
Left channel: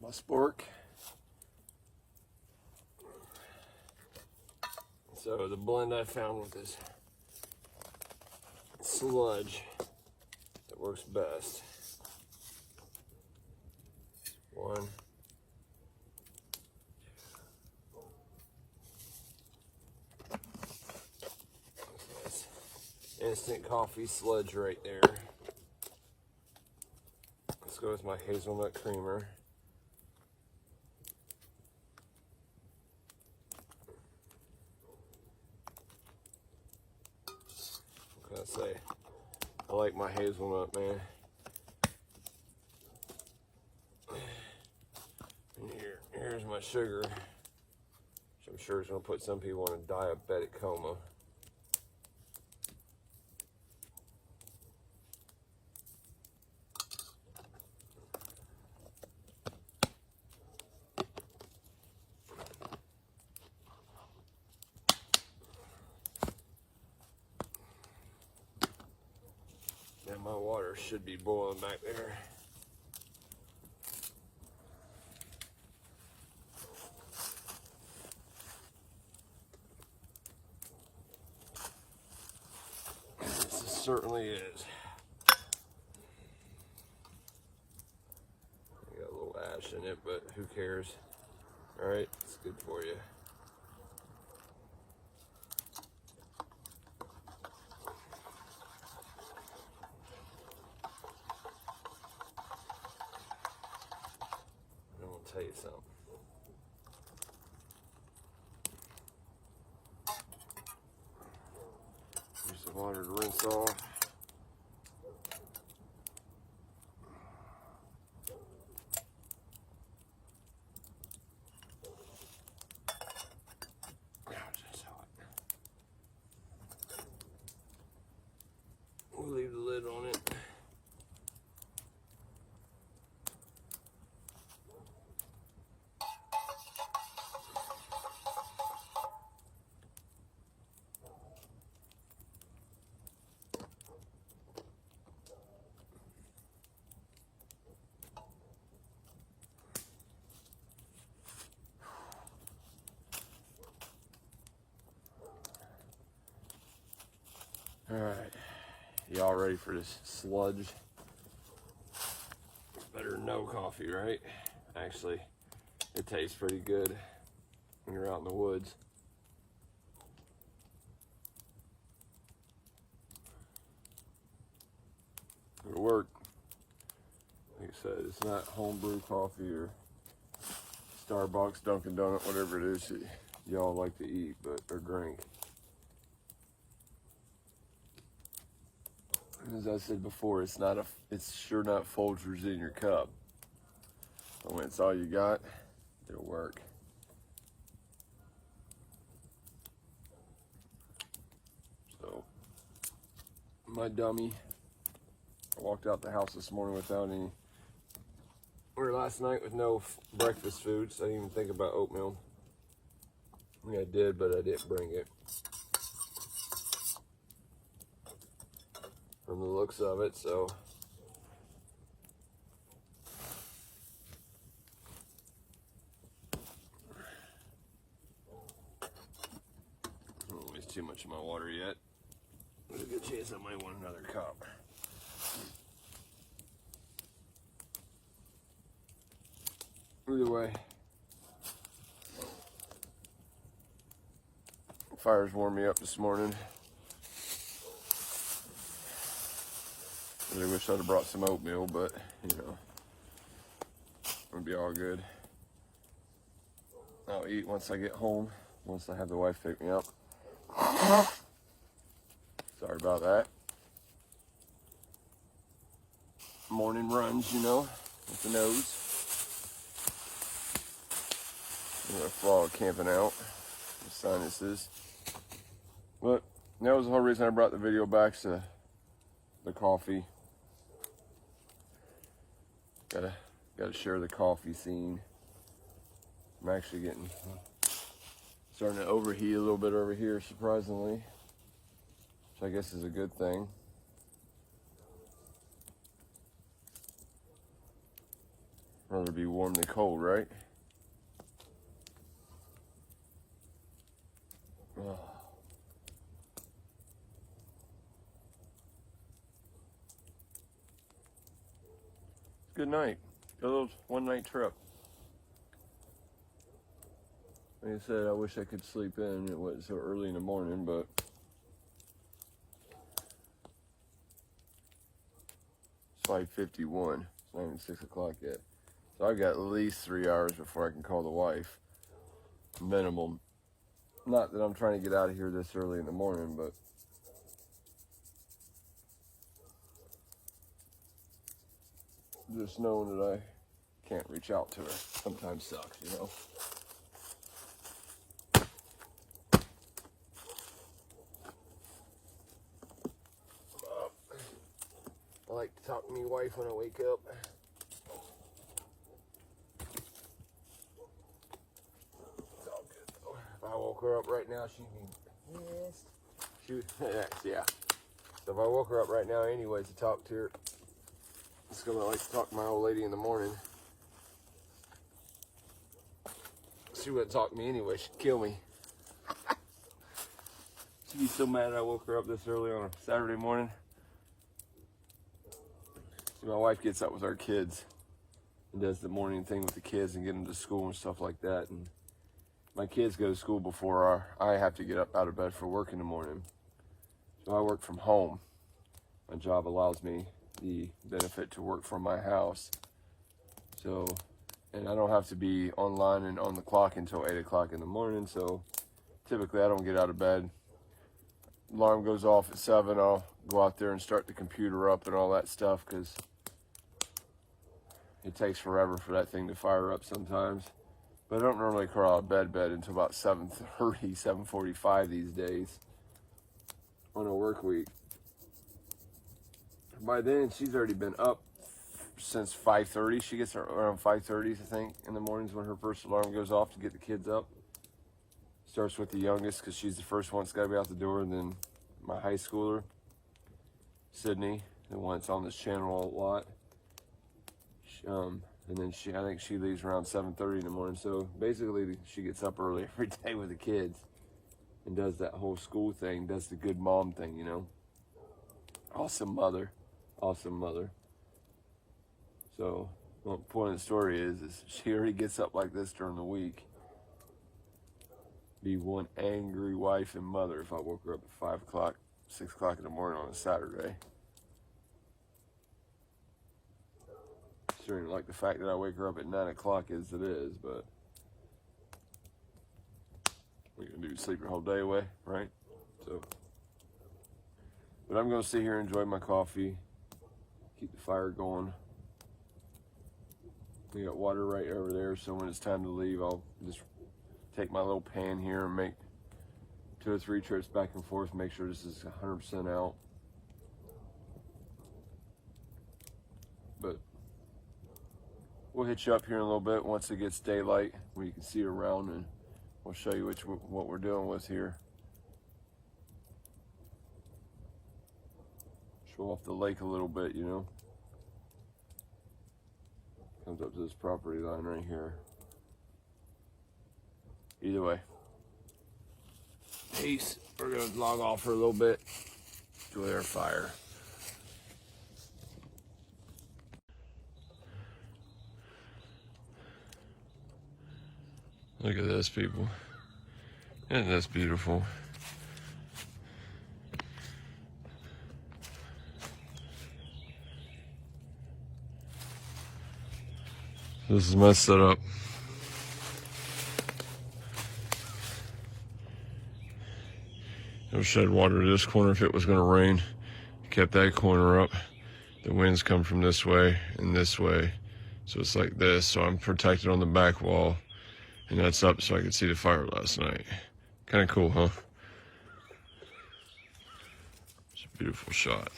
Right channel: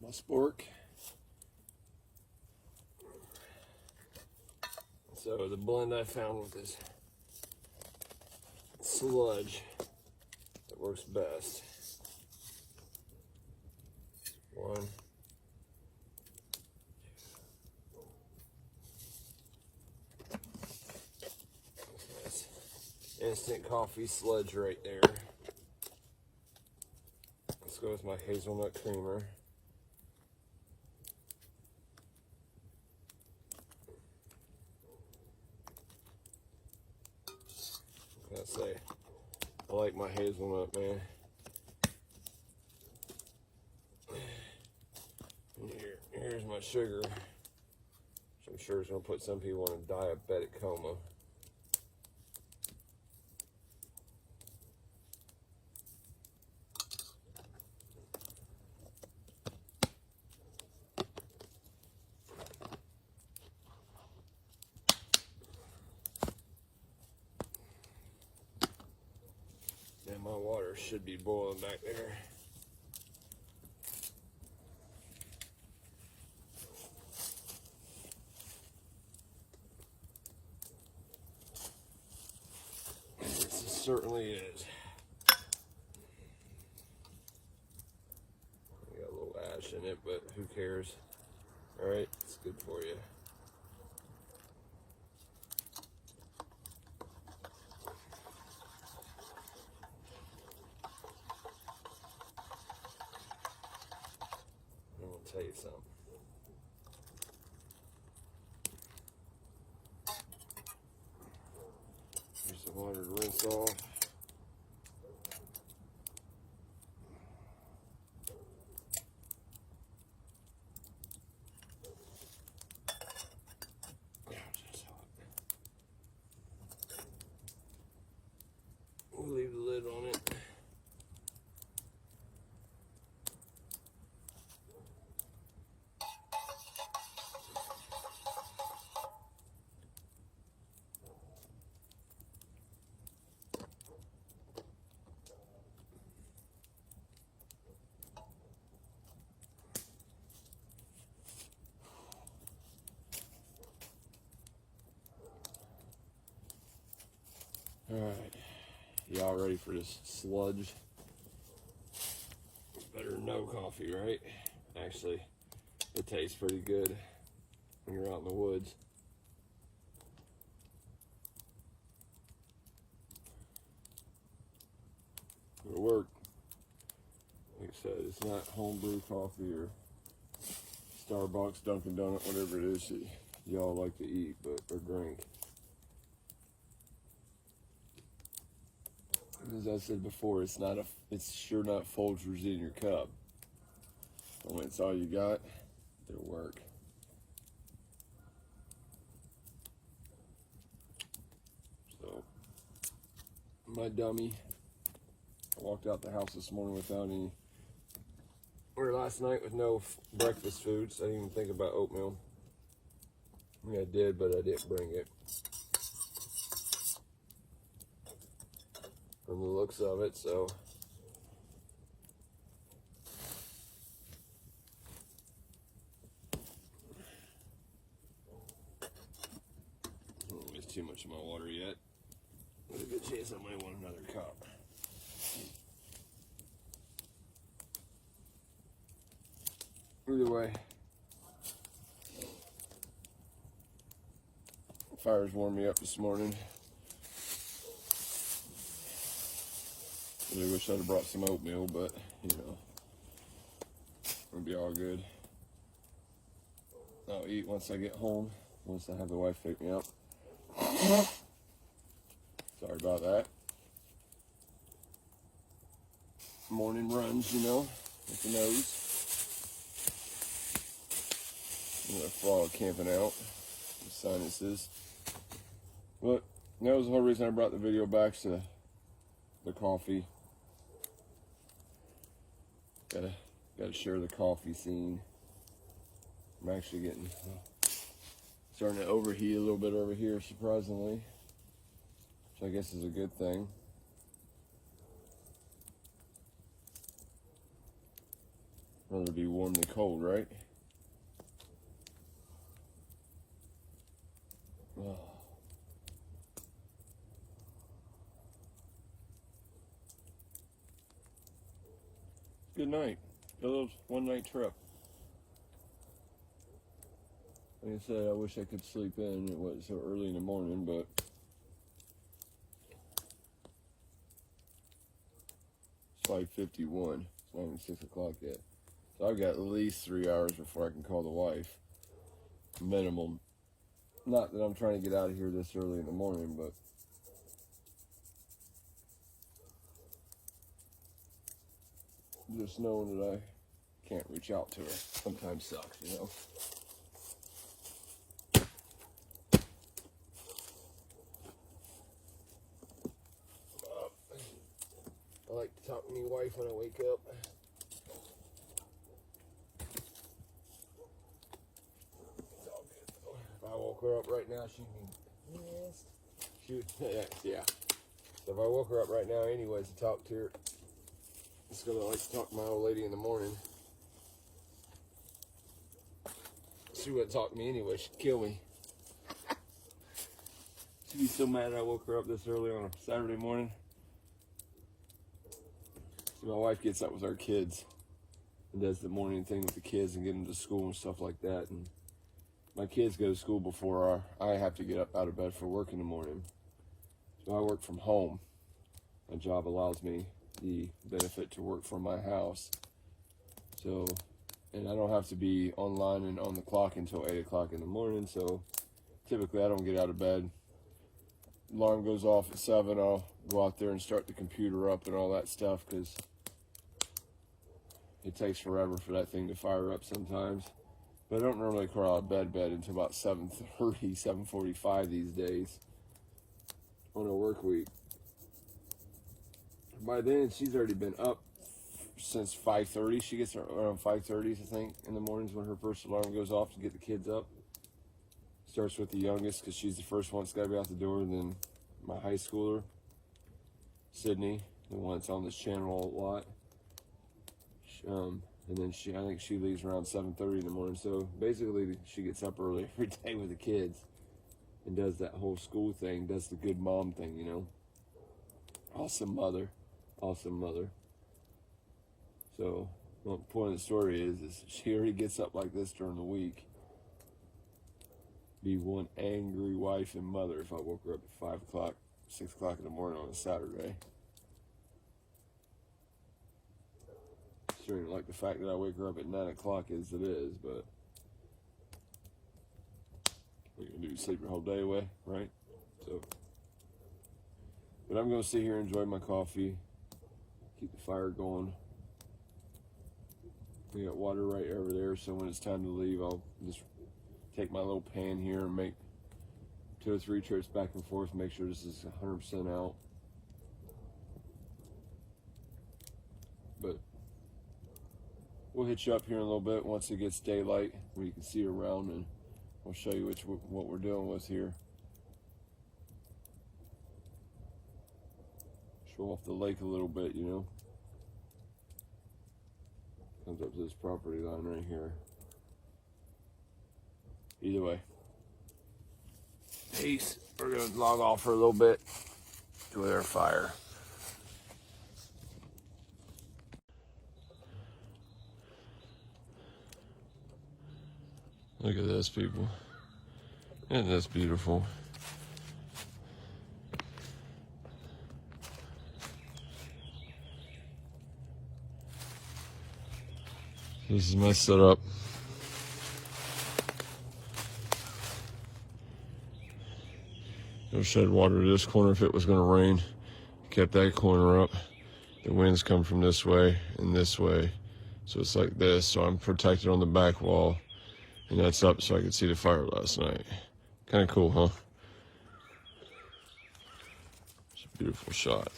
My spork. So the blend I found with this sludge that works best. One. Yes. Instant coffee sludge right there. Let's go with my hazelnut creamer. I say, I like my hazelnut, man. And here's my sugar. So I'm sure it's gonna put some people in a diabetic coma. And my water should be boiling back there. This certainly is. Got a little ash in it, but who cares? All right, it's good for you. I'm gonna tell you something. Use the water to rinse off. We'll leave the lid on it. All right, y'all ready for this sludge? It's better than no coffee, right? Actually, it tastes pretty good when you're out in the woods. It'll work. Like I said, it's not homebrew coffee or Starbucks, Dunkin' Donut, whatever it is that y'all like to eat, or drink. As I said before, it's sure not Folgers in your cup. But when it's all you got, it'll work. So, my dummy, I walked out the house this morning last night with no breakfast foods. I didn't even think about oatmeal. I mean, I did, but I didn't bring it. From the looks of it, so I don't waste too much of my water yet. There's a good chance I might want another cup. Either way, fire's warmed me up this morning. I really wish I'd have brought some oatmeal, but you know, it'll be all good. I'll eat once I get home, once I have the wife pick me up. Sorry about that. Morning runs, you know, with the nose. I'm gonna fall camping out, the sinuses. But that was the whole reason I brought the video back to the coffee. Gotta share the coffee scene. I'm actually starting to overheat a little bit over here, surprisingly, which I guess is a good thing. Rather be warm than cold, right? Oh. Good night. A little one-night trip. Like I said, I wish I could sleep in. It was so early in the morning, but it's 5:51. It's not even 6 o'clock yet. So I got at least 3 hours before I can call the wife. Minimum. Not that I'm trying to get out of here this early in the morning, but just knowing that I can't reach out to her sometimes sucks, you know. like to talk to my wife when I wake up. It's all good though. If I woke her up right now, she'd be pissed. Yeah. So if I woke her up right now anyways to talk to her, it's gonna like to talk to my old lady in the morning. She wouldn't talk to me anyway, she'd kill me. She'd be so mad I woke her up this early on a Saturday morning. See, my wife gets up with our kids and does the morning thing with the kids and get them to school and stuff like that. And my kids go to school before I have to get up out of bed for work in the morning. So I work from home. My job allows me the benefit to work from my house. So, and I don't have to be online and on the clock until 8 o'clock in the morning. So typically I don't get out of bed. Alarm goes off at 7, I'll go out there and start the computer up and all that stuff because it takes forever for that thing to fire up sometimes. But I don't normally crawl out of bed until about 7:30, 7:45 these days on a work week. By then, she's already been up since 5:30. She gets around 5:30, I think, in the mornings when her first alarm goes off to get the kids up. Starts with the youngest because she's the first one that's got to be out the door, and then my high schooler, Sydney, the one that's on this channel a lot. And then I think she leaves around 7:30 in the morning. So basically, she gets up early every day with the kids and does that whole school thing, does the good mom thing, you know. Awesome mother. Awesome mother. So, well, the point of the story is she already gets up like this during the week. Be one angry wife and mother if I woke her up at 5 o'clock, 6 o'clock in the morning on a Saturday. Sure, like the fact that I wake her up at 9 o'clock as it is, but what you gonna do, sleep your whole day away, right? So, but I'm gonna sit here and enjoy my coffee, keep the fire going. We got water right over there, so when it's time to leave, I'll just take my little pan here and make 2 or 3 trips back and forth, make sure this is 100% out. But we'll hit you up here in a little bit once it gets daylight, where you can see around, and we'll show you what we're dealing with here. Show off the lake a little bit, you know. Comes up to this property line right here. Either way. Peace. We're gonna log off for a little bit. Enjoy our fire. Look at this, people. Isn't this beautiful? This is my setup. It'll shed water to this corner if it was going to rain. Kept that corner up. The winds come from this way and this way. So it's like this. So I'm protected on the back wall. And that's up so I could see the fire last night. Kind of cool, huh? It's a beautiful shot.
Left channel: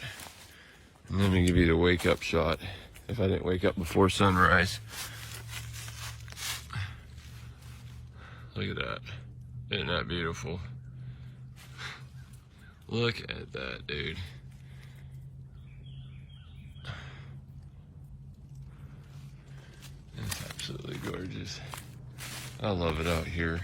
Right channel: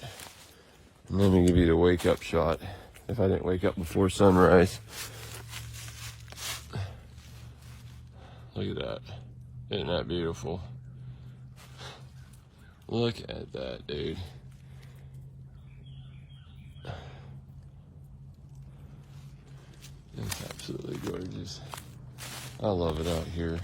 And let me give you the wake up shot. If I didn't wake up before sunrise. Look at that. Isn't that beautiful? Look at that, dude. It's absolutely gorgeous. I love it out here.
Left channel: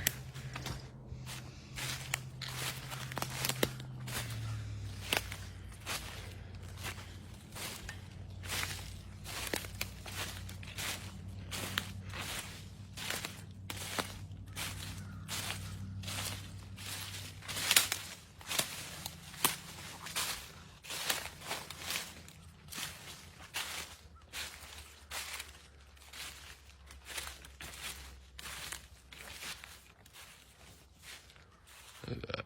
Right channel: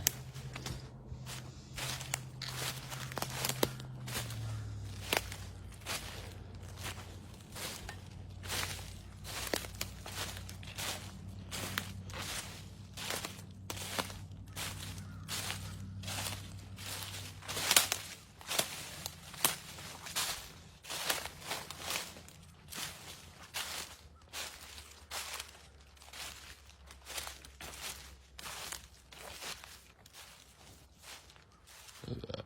Look at that.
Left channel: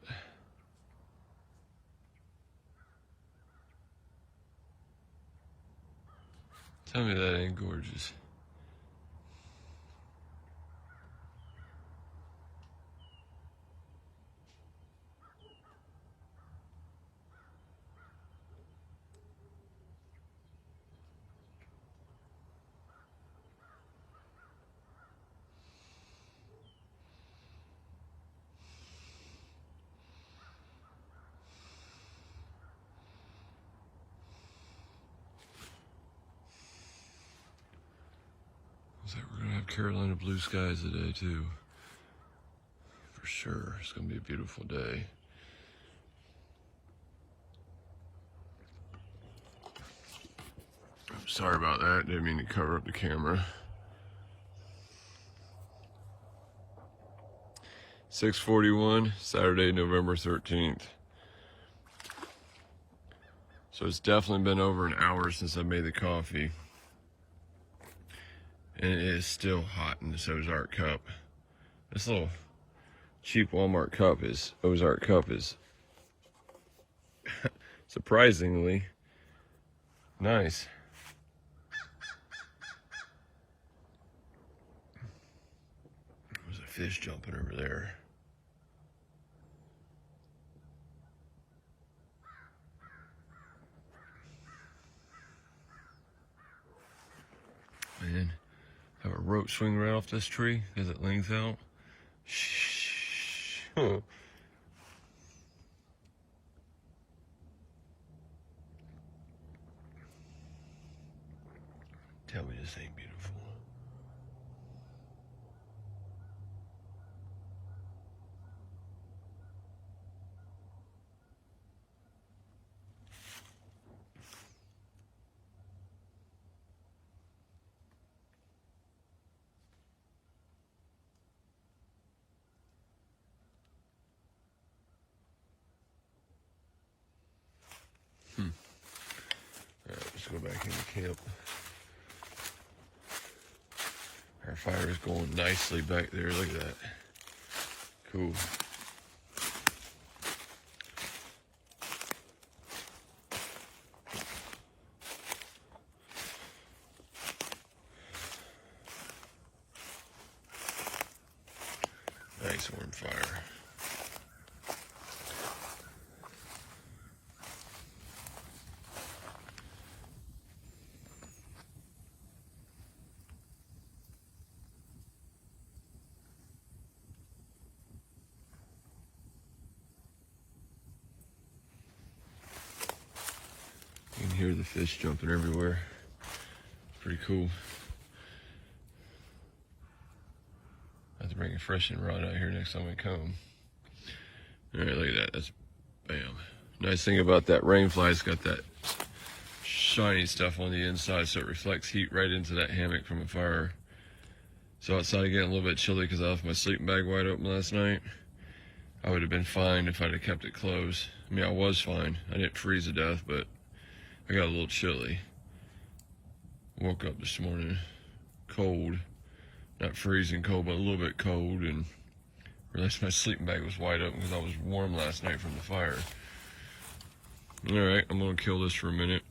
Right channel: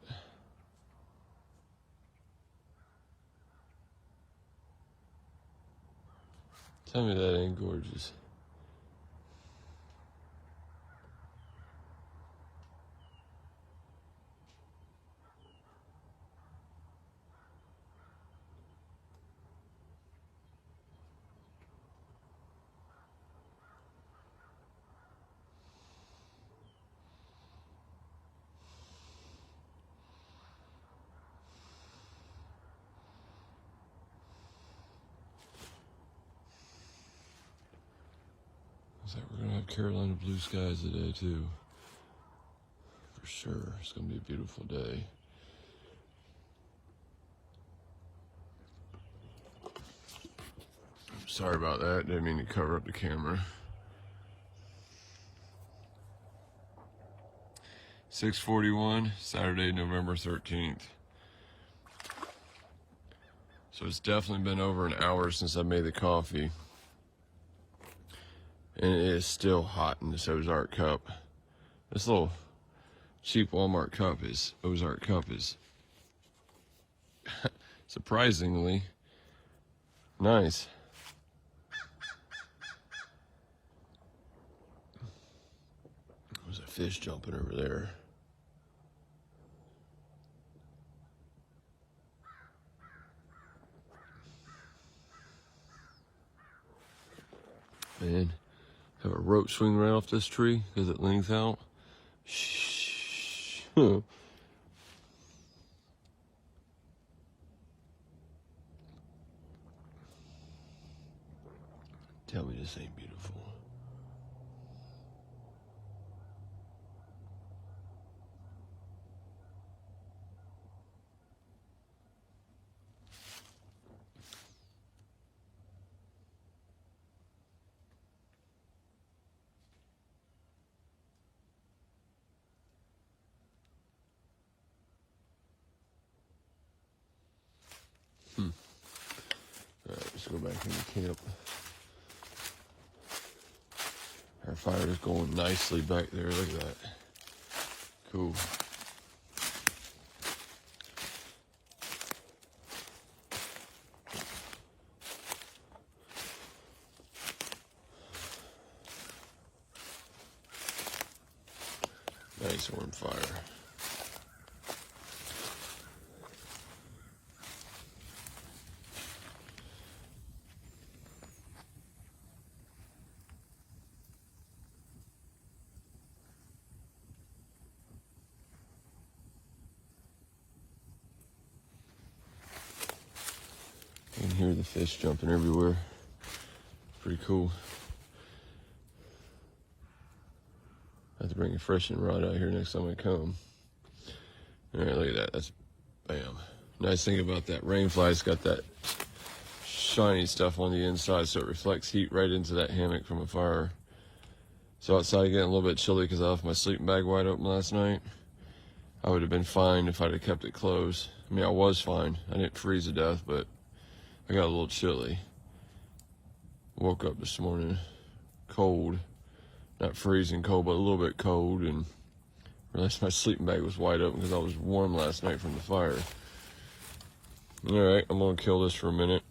Tell me that ain't gorgeous. So we're gonna have Carolina blue skies today too. For sure, it's gonna be a beautiful day. Sorry about that, didn't mean to cover up the camera. 6:41, Saturday, November 13th. So it's definitely been over an hour since I made the coffee. And it is still hot in this Ozark cup. This little cheap Walmart cup is, Ozark cup is surprisingly nice. There's a fish jumping over there. Man, have a rope swing right off this tree because it leans out. Shh. Tell me this ain't beautiful. Alright, let's go back into camp. Our fire is going nicely back there. Look at that. Cool. Nice warm fire. You can hear the fish jumping everywhere. Pretty cool. I have to bring a fishing rod out here next time I come. All right, look at that. That's bam. Nice thing about that rainfly, it's got that shiny stuff on the inside, so it reflects heat right into that hammock from a fire. So outside getting a little bit chilly because I left my sleeping bag wide open last night. I would have been fine if I'd have kept it closed. I mean, I was fine. I didn't freeze to death, but I got a little chilly. Woke up this morning cold. Not freezing cold, but a little bit cold, and realized my sleeping bag was wide open because I was warm last night from the fire. All right, I'm gonna kill this for a minute.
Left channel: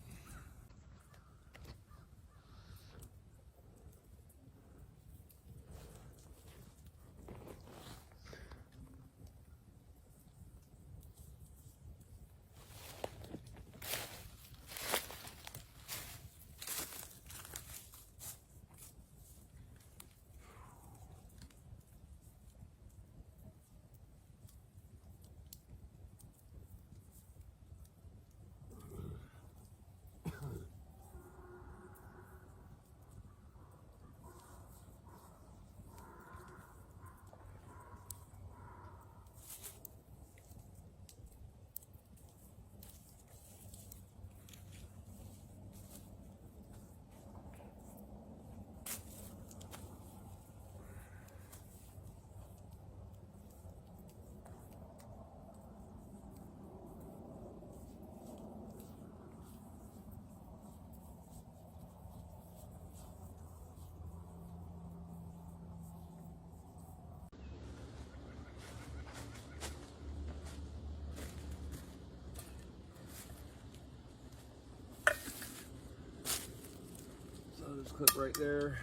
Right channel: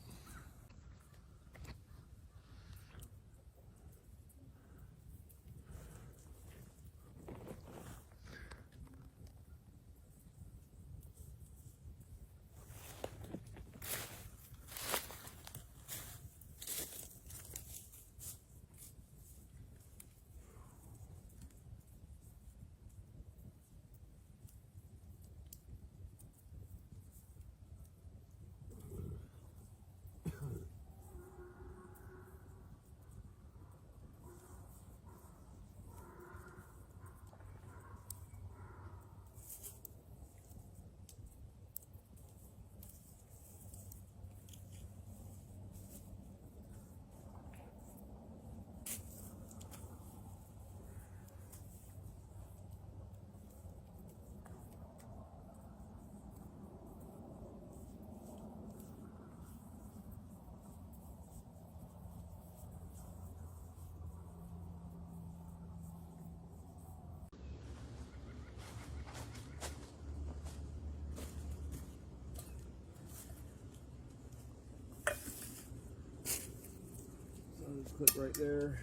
This clip right there.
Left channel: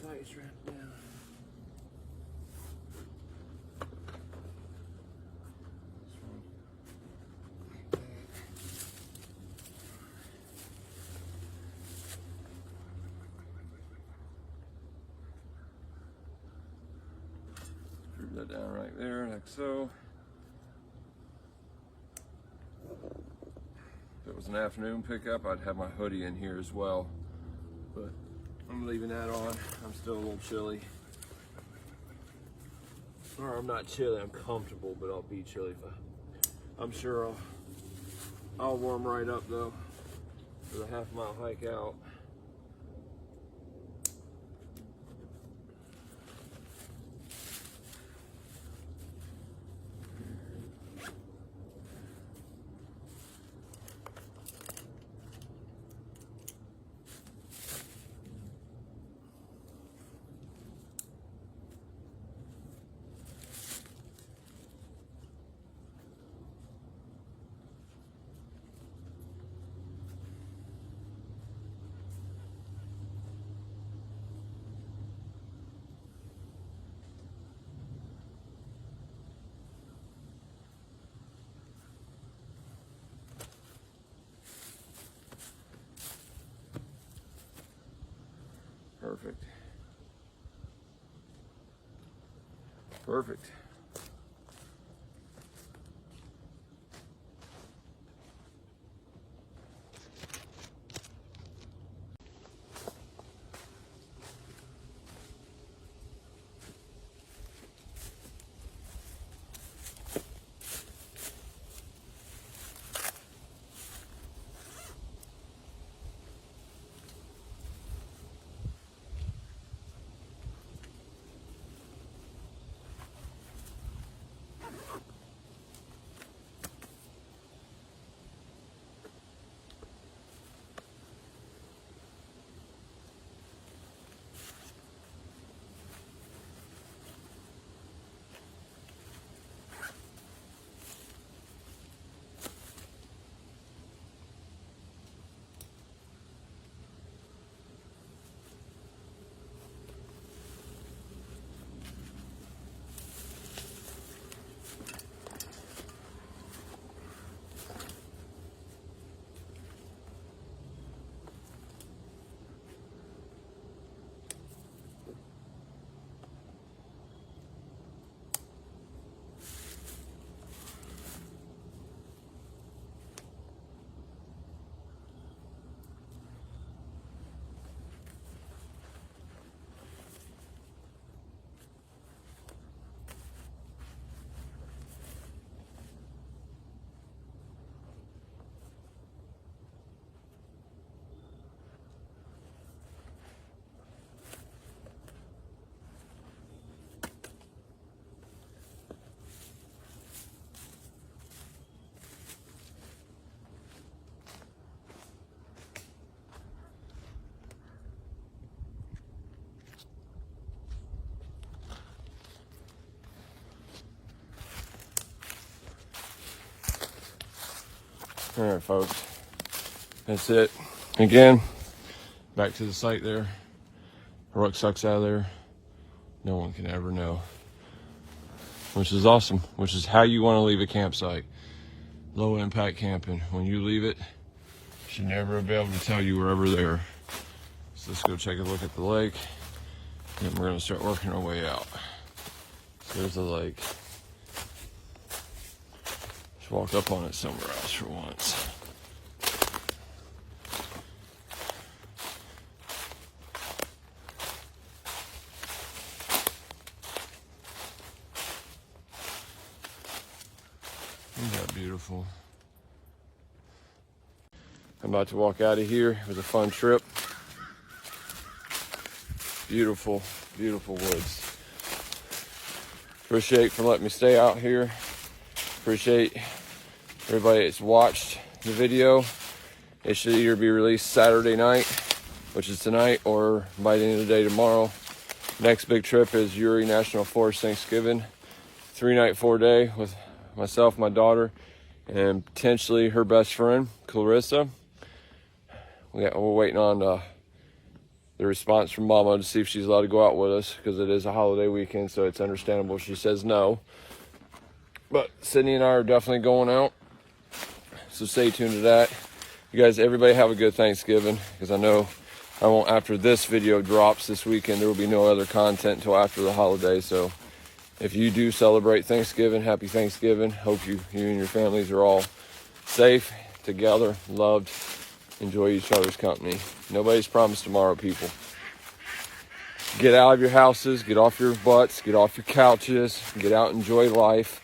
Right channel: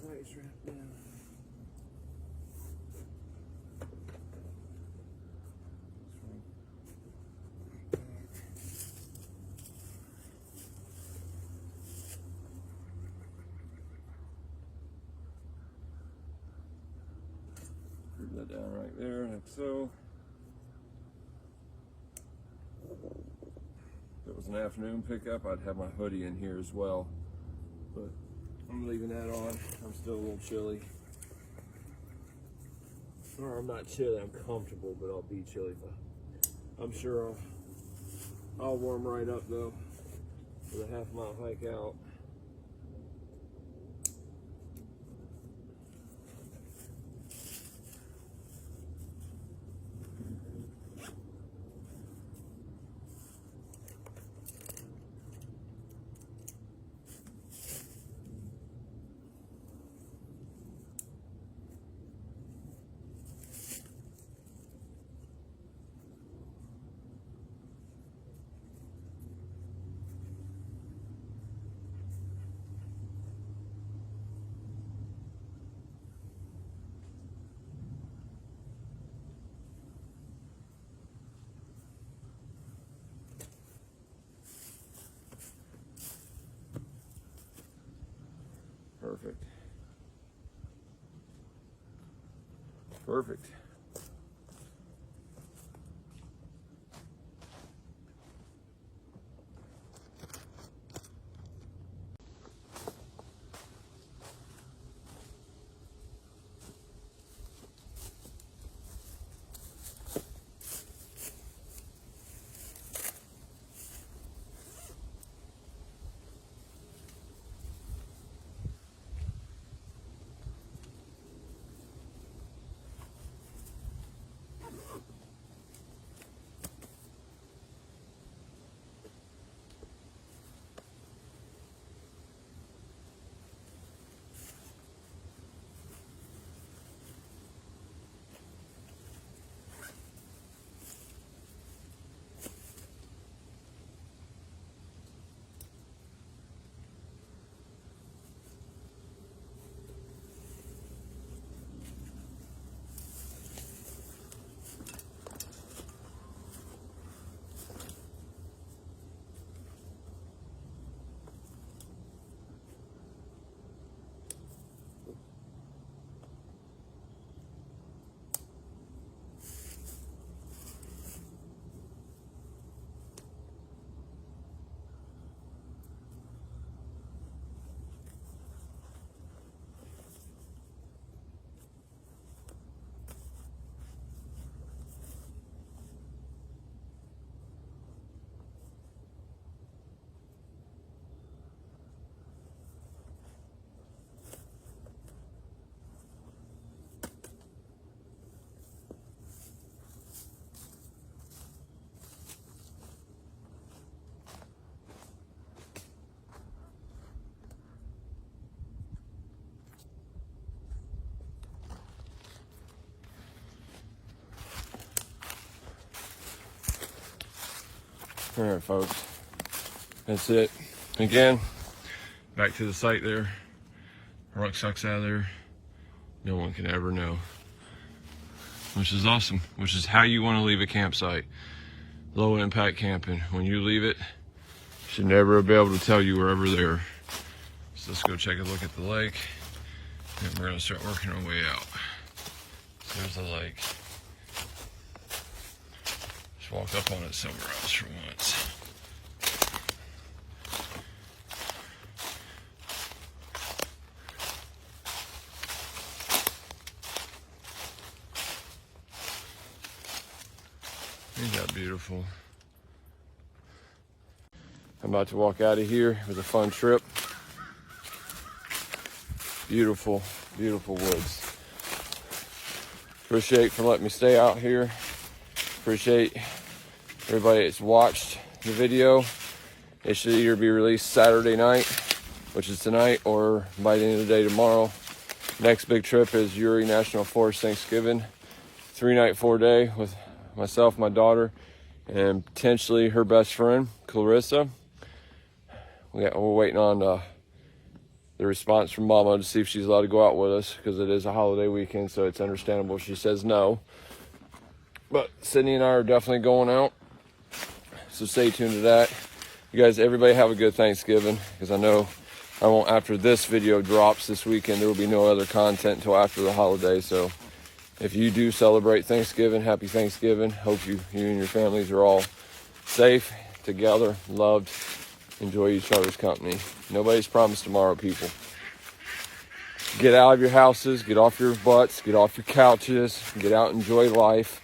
Tie strap down. Screw that down right there, like so. If it was an afternoon pickup, I'd have my hoodie in here as well. But I'm leaving that on. I'm still a little chilly. Or I'm not chilly, I'm comfortable, but I'll be chilly. I'm sure I'll warm right up though for the half-mile hike out. Perfect. Perfect. All right, folks, that's it. Again, back to the site there. Rucksack's out of there. No one can ever know, which is awesome, which is how you want to leave a campsite. Low impact camping. When you leave it, you should never be able to tell you were ever there. So let's go take a look at the lake, and we're gonna start working our way out. There's the lake. Just walk up on it somewhere else for once. Isn't that beautiful? I'm about to walk out of here. It was a fun trip. Beautiful, beautiful woods. Appreciate for letting me stay out here. Appreciate everybody that's watched the video. It should either be released Saturday night, which is tonight, or by the end of the day tomorrow. Next big trip is Uri National Forest Thanksgiving. 3-night, 4-day with myself, my daughter, and potentially her best friend, Clarissa. We're waiting on the response from Mama to see if she's allowed to go out with us, because it is a holiday weekend, so it's understandable if she says no. But Sydney and I are definitely going out, so stay tuned to that. You guys, everybody have a good Thanksgiving, because I know I won't, after this video drops this weekend, there will be no other content until after the holiday. So if you do celebrate Thanksgiving, happy Thanksgiving. Hope you and your families are all safe, together, loved, enjoy each other's company. Nobody's promised tomorrow, people. Get out of your houses, get off your butts, get off your couches, get out and enjoy life.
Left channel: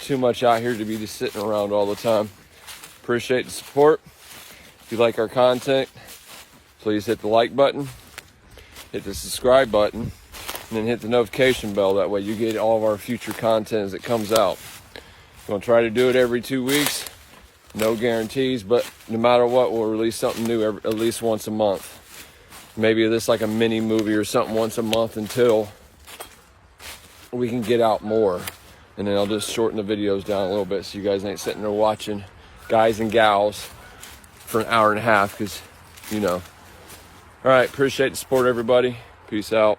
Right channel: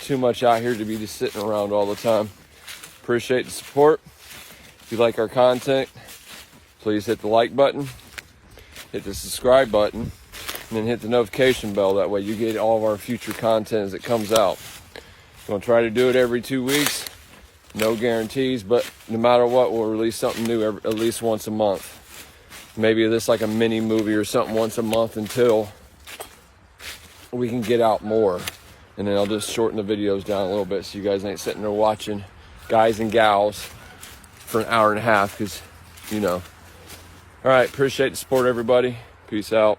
Too much out here to be just sitting around all the time. Appreciate the support. If you like our content, please hit the like button, hit the subscribe button, and then hit the notification bell. That way you get all of our future content as it comes out. We're gonna try to do it every 2 weeks. No guarantees, but no matter what, we'll release something new at least once a month. Maybe this like a mini movie or something once a month until we can get out more. And then I'll just shorten the videos down a little bit so you guys ain't sitting there watching guys and gals for an hour and a half, because, you know. All right, appreciate the support, everybody. Peace out.